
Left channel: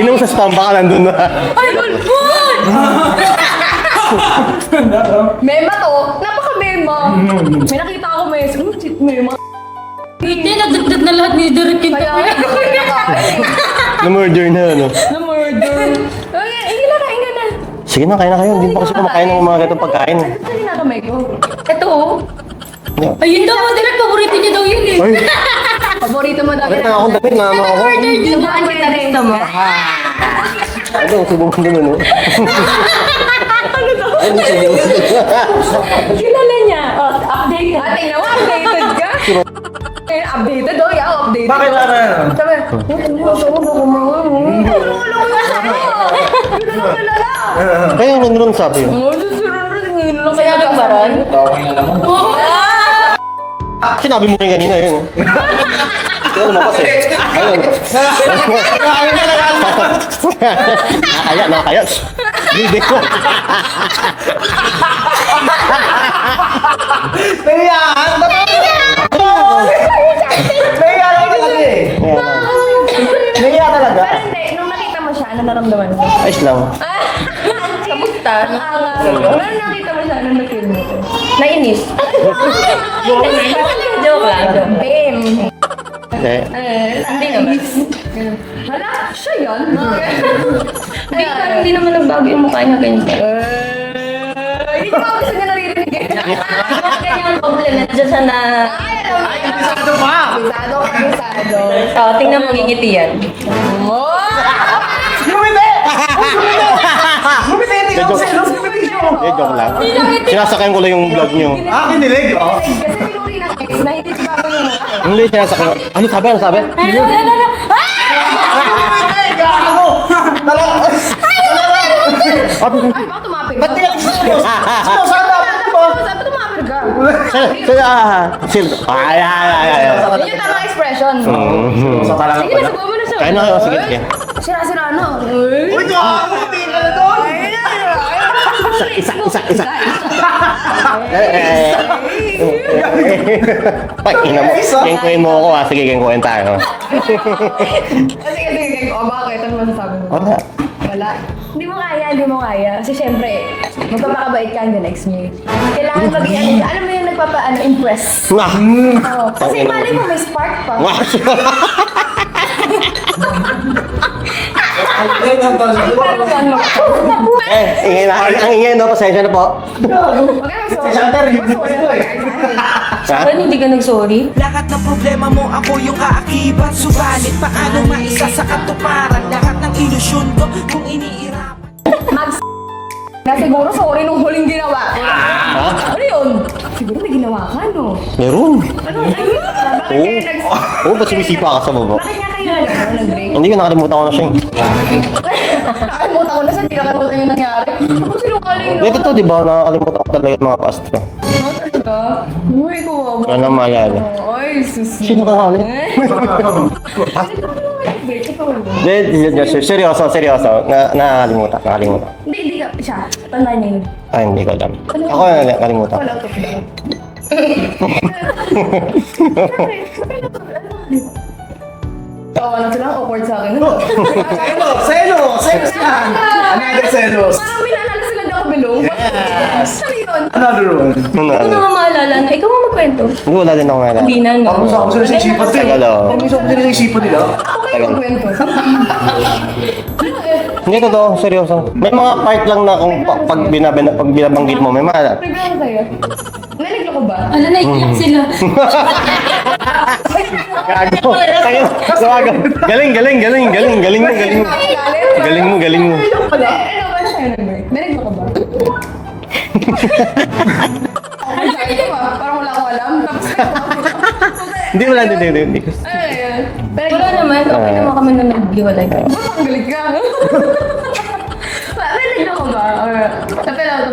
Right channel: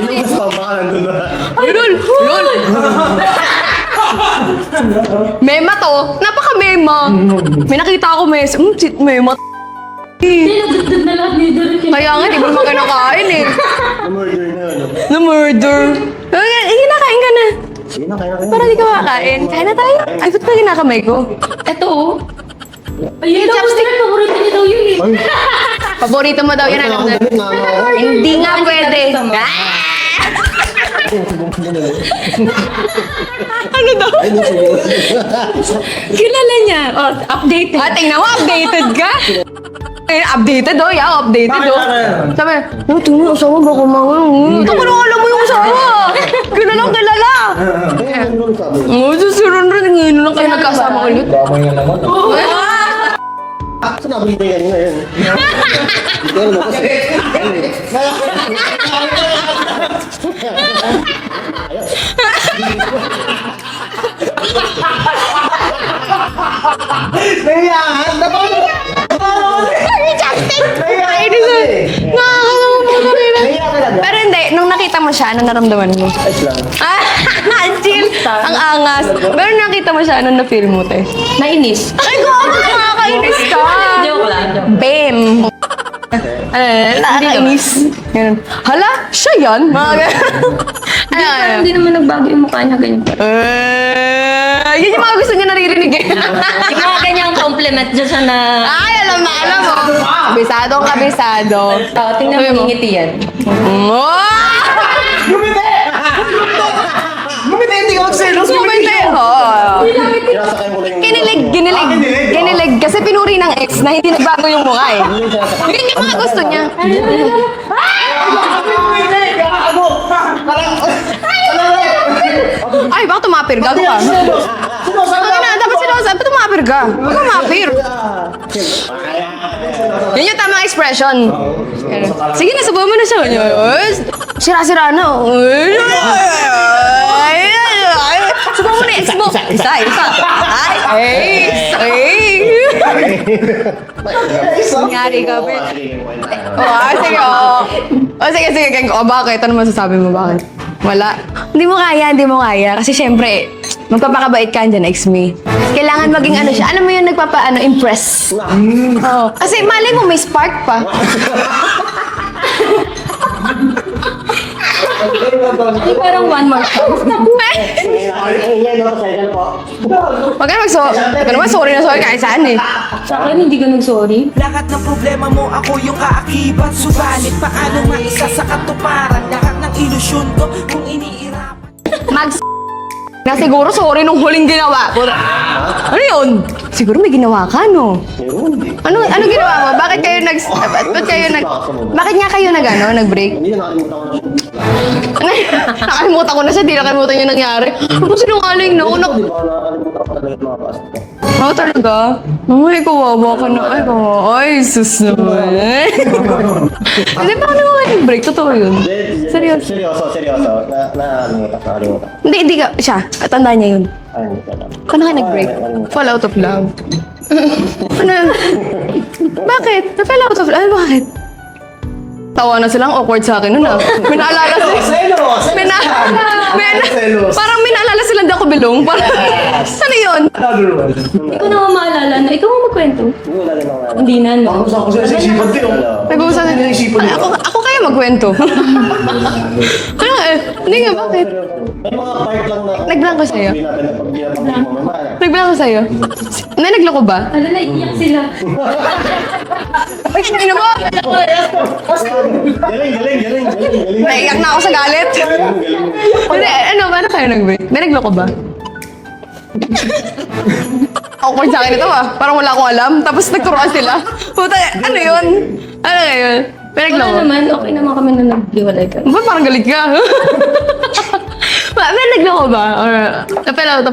Inong sa spam baka nandun na. Ay, lol! Mema to. Napaka-mema. May nakita ako mema. Hindi, nagdagdag na lahat ni Derek. Kaya nga, hindi ko kinakain eh. Na-murder na, ano? Na-murder. Kain ka na. Sige na, kain na kayo. Para di ka Kasi makakain. kumakain ng mga Kain na ganitong tayo. pagkain. Ay, ba't ba kinakamay ko? Ito, oh. Ayun daw, Derek, paborito niya daw yun eh. Paborito mo daw yun. Ako, damit na ako. Hindi nga pwede. Ano, subong ko na, no? Ano daw? Kilala niya. Oh, updated. Tingnan mo, updated ka? Updated oh, yeah, updated Bakit oh. ano yan? Sabi, tingnan yung asawa baka Ano alam mo yung asawa? Kilalang kilala. Kaya ano nung sabi? Susunod rin, ngayon lang kayo nagkasama. Sinabi mo rin kanina yun. Nakakaya. Hindi ko. Nahiyahan! Nahiya talaga. Pero hindi, nung nakita mo siya, ano naramdaman mo? Ayos lang. Chill. Ang angas. Pero nung nakita mo siya, ano na-feel mo, te? Nainis. Ay, nakakainis ka. Joke lang. Pem. Hindi. Nakakainis. Ganun. Hala, siya yan? Mga ganun. Parang hindi naman nagbago yung mukha niya ganyan. Yun yung mga gusto niya naririnig eh. Siguro kanya ang compliment dyan siya na... Ay, alam mo. Kabisado. Tingnan mo ngingiti yan. Gumiti! Gumiti, hindi ako selos. Gumiti! Sinasakyan ko lang yung Ginilig. Kasi pinuri ng ex na hindi nagbago yung mukha eh. Hindi, sinasakyan. Yun yung mga gusto niya. Gumiti! Gago! Ay, baka tumapir ka. Sinosama! Dapat sinasabi, ba't tumapir ka? Tumapir. Yan yung tamang expression. Sige na, sabaw mo na siya. Sira-sira na. Sabaw mo na ex mo. Isa. Kaya mo ako sige, kaya tayo. Sige. Bakit? Ano masasabi mo? Bakit? Wala. Hindi mo kaya. Kasi syempre, magpapakabait ka dyan, ex me. Kailangan maging ano siya. Alam mo yan, impress. Oo. Kasi malay mo, may spark pa. Parang one more. Ingay na, pasensya na po. Huwag ka sorry na kahit saan eh. Parang hindi ka nag-sorry. Lahat ng problema mo ako yung kaakibat. Subalit paano maisa sa katuparan lahat ng ilusyon ko kung iniirapan. Na siguro sorry nung huling ginawa ko. Ano yun? Siguro may ginawa ka, no? Meron. Ano ginawa mo? Bakit kayo Bakit nga kayo nag-break? Hindi ko nakalimutan ko na siya. Nakalimutan ko na siya, di nakalimutan yung nangyari. Ano sinungaling, no? Ito, di ba, nakalimutan ko talaga yung mga past. Oo, talaga? Ay, kawawa ka Wala na. naman. Ay, sus naman. Kasi baka naman nag-break, totoo yun. Seryoso. Nakalimutan. Hindi ka, siya. Tandaan niya yun. Ay, hindi ko alam. Paano ka Ako, nag-break? nakalimutan. Fall out of love. Bakit? Fall out of love? Ano bakit? Tawa na silang awkward sa akin nun ah. May naalala sila. Selos! Parang may naalala silang di ako bilong. Ano yun? Another one. Ano nga maalala na ikaw mo magkwento. Wala din ako ngayon. Hindi na, no? Ako sila sa isipan to eh. Hello. Nag-uusap nila yung isipan nila. Ako kayo magkwento. Ano eh? Hindi ko daw, seryoso. May mga part lang na kung Naglang ko pag sa'yo. binabanggit mo, may mga... Nagbilang ko sa'yo. May nagloko ba? Wala, naiiyak sila. Ay, ino mo! Galing mo. Naiiyak na ako sa galit. Galing mo. Hindi, ano kayo nagbi? May nagloko ba? Awkward sa akin ito parang wala akong alam. Tapos nagturuan sila. Puta, Hindi, ano wala, yun? hindi. Ano ngayon? May Wala nagloko? naman, okay naman kami na naghiwalay. Ba't parang galit ka? May nagloko ba? Or tapilaw lang?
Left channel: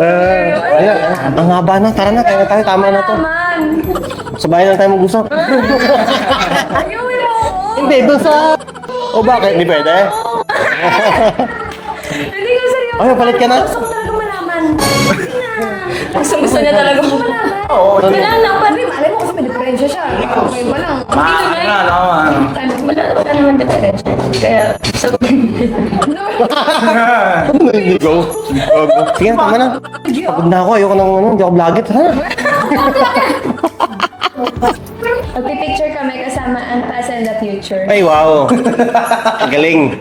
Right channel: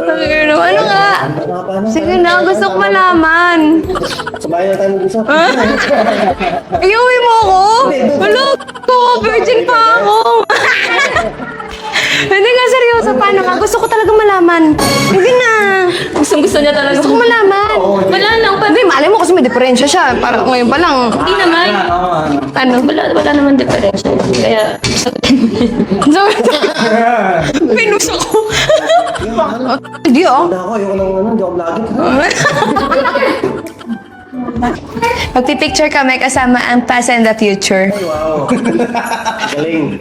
Ano ba? Ang haba na. Sige na, gusto ko malaman. Sabay na tayo mag-usap. Ayuwi mo ako! Hindi, ito sa- Wala ko! O, bakit? Virgin Hindi pa pwede? ako! Hindi ka seryoso. Ay, Paano balik ka ba? na. Gusto ko talaga malaman. Sige na. Gusto niya talaga. Gusto ko malaman. Wala lang, Hindi, malay mo kasi may diferensya siya. Parang ngayon pa lang. Hindi naman. Ano? Wala naman diferensya. Kaya, sagutin mo yan. Pinuso ko. Sige, tama na. Hindi oh. Hindi ako, ayoko nang hindi ako vlogget. Magpipicture kami kasama ang past and the future. Ay, wow. Galing.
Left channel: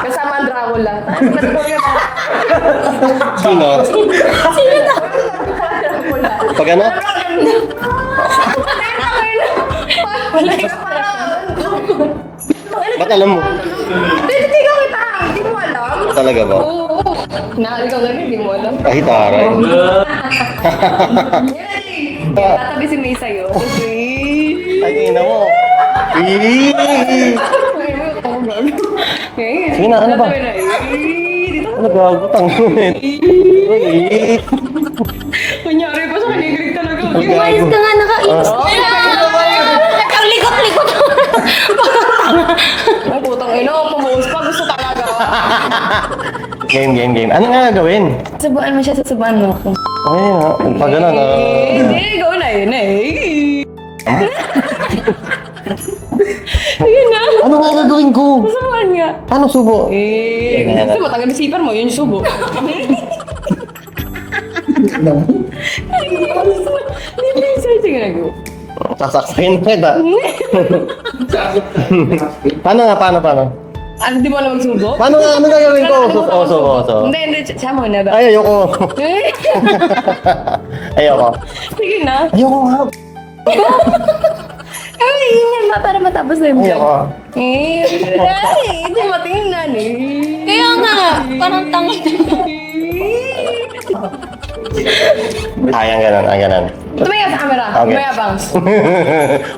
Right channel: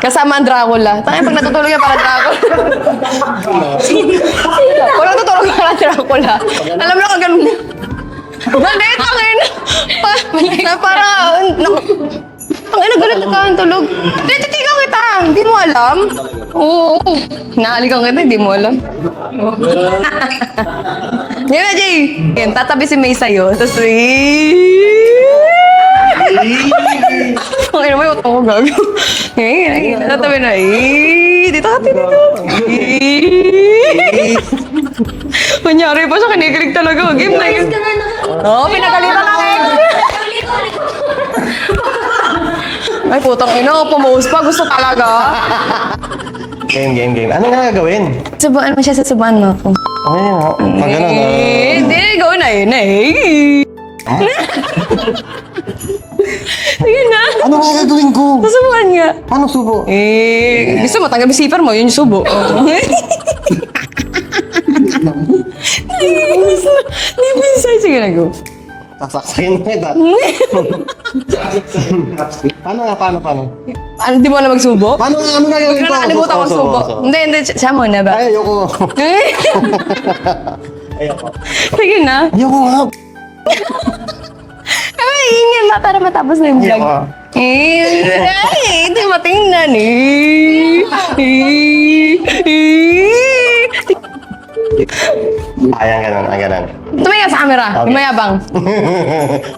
Kasama ang Dracula. Tayo pag natutulog yan para Dracula. Pag natutulog yan para Dracula. Pag ano? Alam mo kung ganun. Galit, tangin. Parang, ang ina, galit Alam mo. ka ang tulog. Titigaw kita. Hindi mo alam. Talaga ba? Oo. Nahalikan kita, hindi mo alam. Ay, taray. Yan na, Jay. Yan, tatabi si May sa'yo. Tapos, ang ina mo yung ako gago. Tatabi na, dito ka, dito. Kunyari pa siya, kinikilig talaga. Game na yun. Ka nga naka... Oo, pinagaling na kayo. Ang likot-likot. Ay, putang ina, pumuhos pa. Gusto talaga. Game. Ano nga gagawin? Subuan mo siya, susubuan mo ako. Ay, pag gano'n, Hindi, gawin na yun. Sige na. ano nga gagawin ko? Susubuan nga. Paano subo? Gusto mo, tanggap yung zipper mo, yun yung subo. Hindi bisa. Sige na, go. Sasaksakin mo kita. Paano? Ano, di mo alam magsubo? Paano nga, ano gagawin ko? Nakalimutan ko Subo. subo. Hindi, siya muna ba? Ay, ayoko. Eh, Ayoko. sige na. Ayoko nga. Ay, ingin na para matapos na yung Ayoko. hindi matingnan eh. Kaya nga, parang Ayan, ganon. Tumaya sa camera, Okay. mayabang.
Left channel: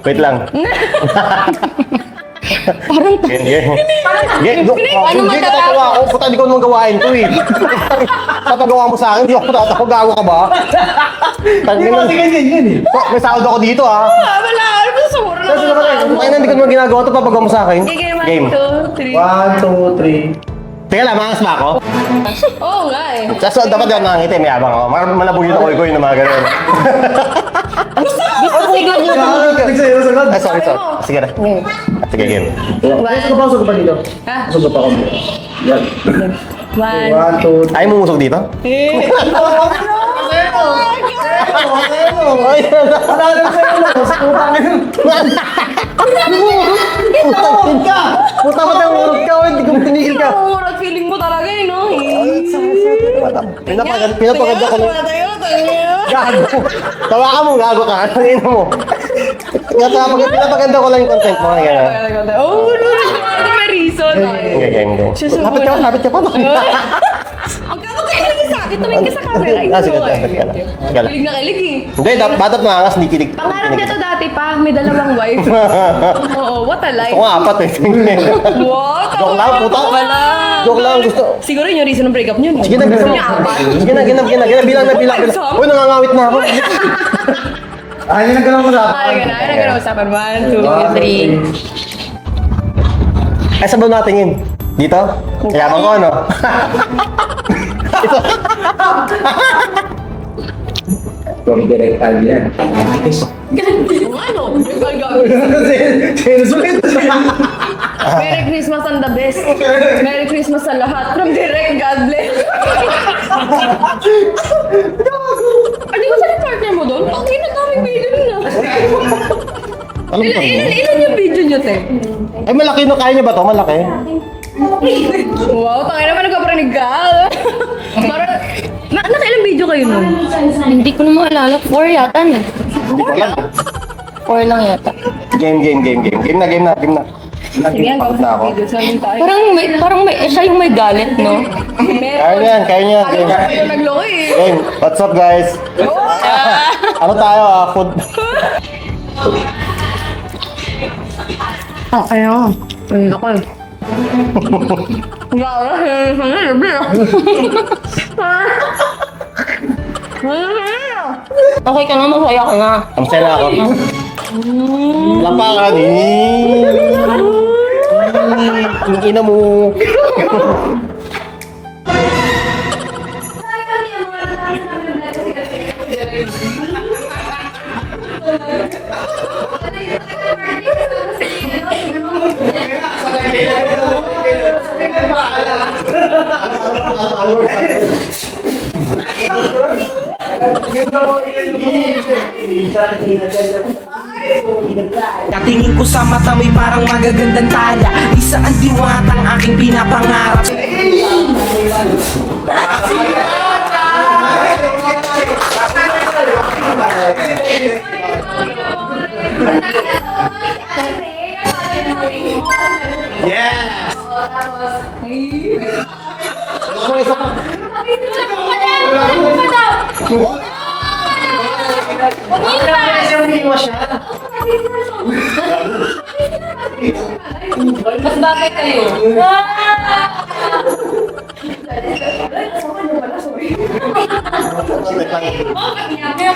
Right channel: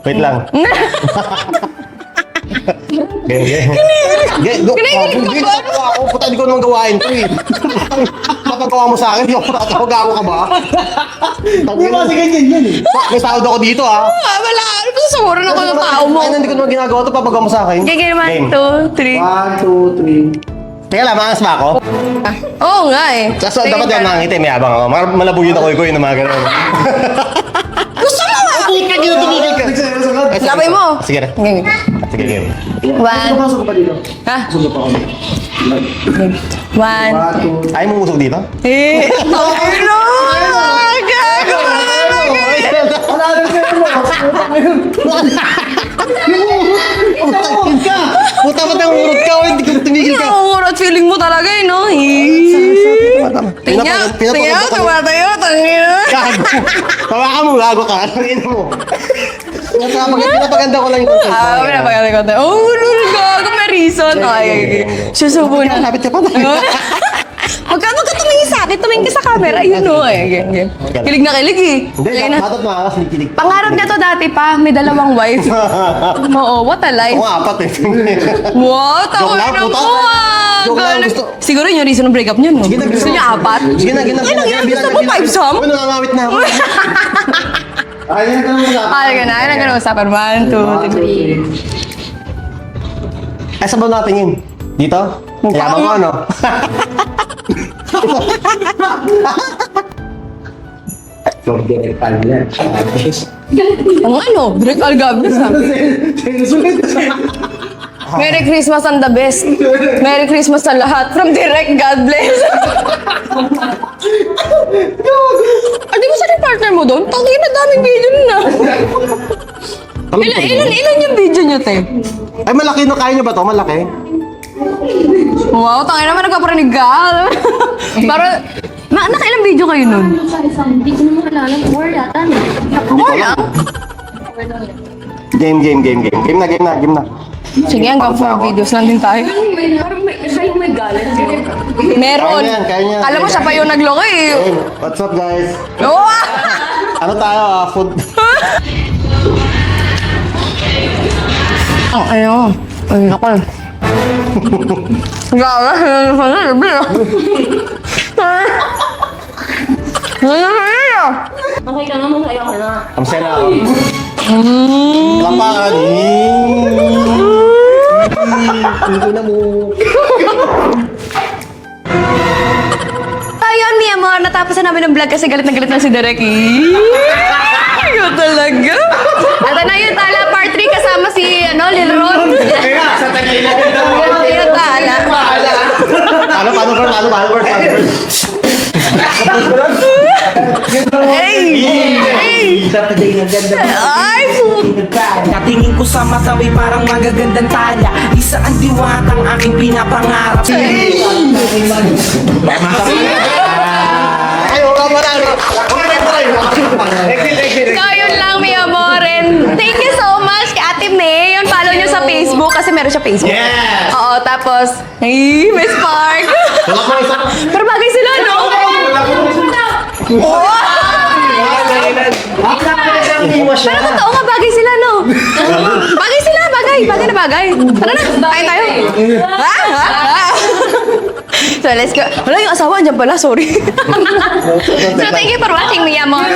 Wait lang. Hindi natatawa ako. Puta, hindi ko naman gawain to eh. Papagawa mo sa akin, hindi ako natatawa. Gago ka ba? May sahod ako dito ah. Wala, ano ba sumuro na Kasi ko yung naman, tao mo? ayun, hindi ko naman ginagawa to. Papagawa mo sa akin. Game, Game. 1, 2, 3. 1, 2, 3. Teka lang, maangas ba ako? Oo nga eh. So, dapat yan nakangiti. May abang ako. Malabog yun ako yung mga ganun. Gusto mo? Tumigil ka. Nagsasagot. Ay, sorry. Sabi mo. Sige na. Game. Sige, game. Saan ba sugot pa dito? Ha? Sugot pa kami. Yan. 1. 1, 2, Ay, mumusok dito? Eh. Ay, Puta ba't ang urot ka? Hindi ka tumigil ka. Urot feeling mo talaga eh, no? Pinapaganda ko. Gago. Tawakan mo, gago ka. Tangina mo. Pinapaganda ko lang yung content mo. May reason. Lapit ka, lapit ka pa. Magkano ka tumingin sa akin? Tumingin ka sa camera. Yun Sige, o sige. eh. Kilig na kilig eh. Hindi, batat maangas, hindi kinig. Pangarap niya to dati pa. May dalawang wife. Oo, what a life. Ako nga, apat eh. What? Joke lang, puta. Joke lang, gusto. Siguro yun yung reason ng breakup niyo, no? Sige na, Gusto niya apat? Sige na, bilang. Gusto mo five some? Uy, nangangawit na ako. Ayun ang tanong ko sa Ay, ganun. Usapan. 1, 2, 3. Ay, sabaw natin yun. Dito? Yabang ko, ano? Ang ano? Break algabi. Sinusulit. Merry Christmas and the best. Merry Christmas sa lahat. From Direct, God bless. Di ba siya yung partner mo doon? Tangin na daming video nun na. Alam ko rin. Ilan yung video niyo, te? Ay, malaki no. Kaya niyo ba to? Malaki? Wow, tangin naman nagkaparinig ka. Para, nakailang video kayo nun? Hindi ko na maalala. 4 yata no? Hindi ko alam. 4 lang yata. Game na. Sige, ang gawin Tapos na sa ako. videos lang yun tayo. Parang siya yung may galit, no? Meron. Kaya niyan. Alam mo siya pa yung nagloko eh. Hey, what's up guys? Oo! Ano tayo? Food. Oh, ayun. Ayun ako. Gawa, sanay, Okay ka nga, masaya ka nga. Ang saya na ako. Lampakan. Ang ina mo. Ayun, mi amor, natapos na namin ang vlog kasi galit na si Derek. Ayun talaga. At na yun, Tala Part 3 kasama si Lil Ron. Ayun, Tala. Ay! Natingin ko sa mata may parang magagandang tala. Isa ang diwatang aking pinapangarap. So, yun lang, mi amor. And thank you so much kay Ate May. Yun, follow nyo sa Facebook kasi meron siya Facebook. Yes! Oo, tapos, ay, may spark. Pero bagay sila, no? Wow! Pero totoo nga, bagay sila, no? Bagay sila, bagay. Bagay na bagay. Tara na, tayo tayo. So, let's go. Wala yung asawa, andyan pala, sorry. So, thank you for watching, mi amor.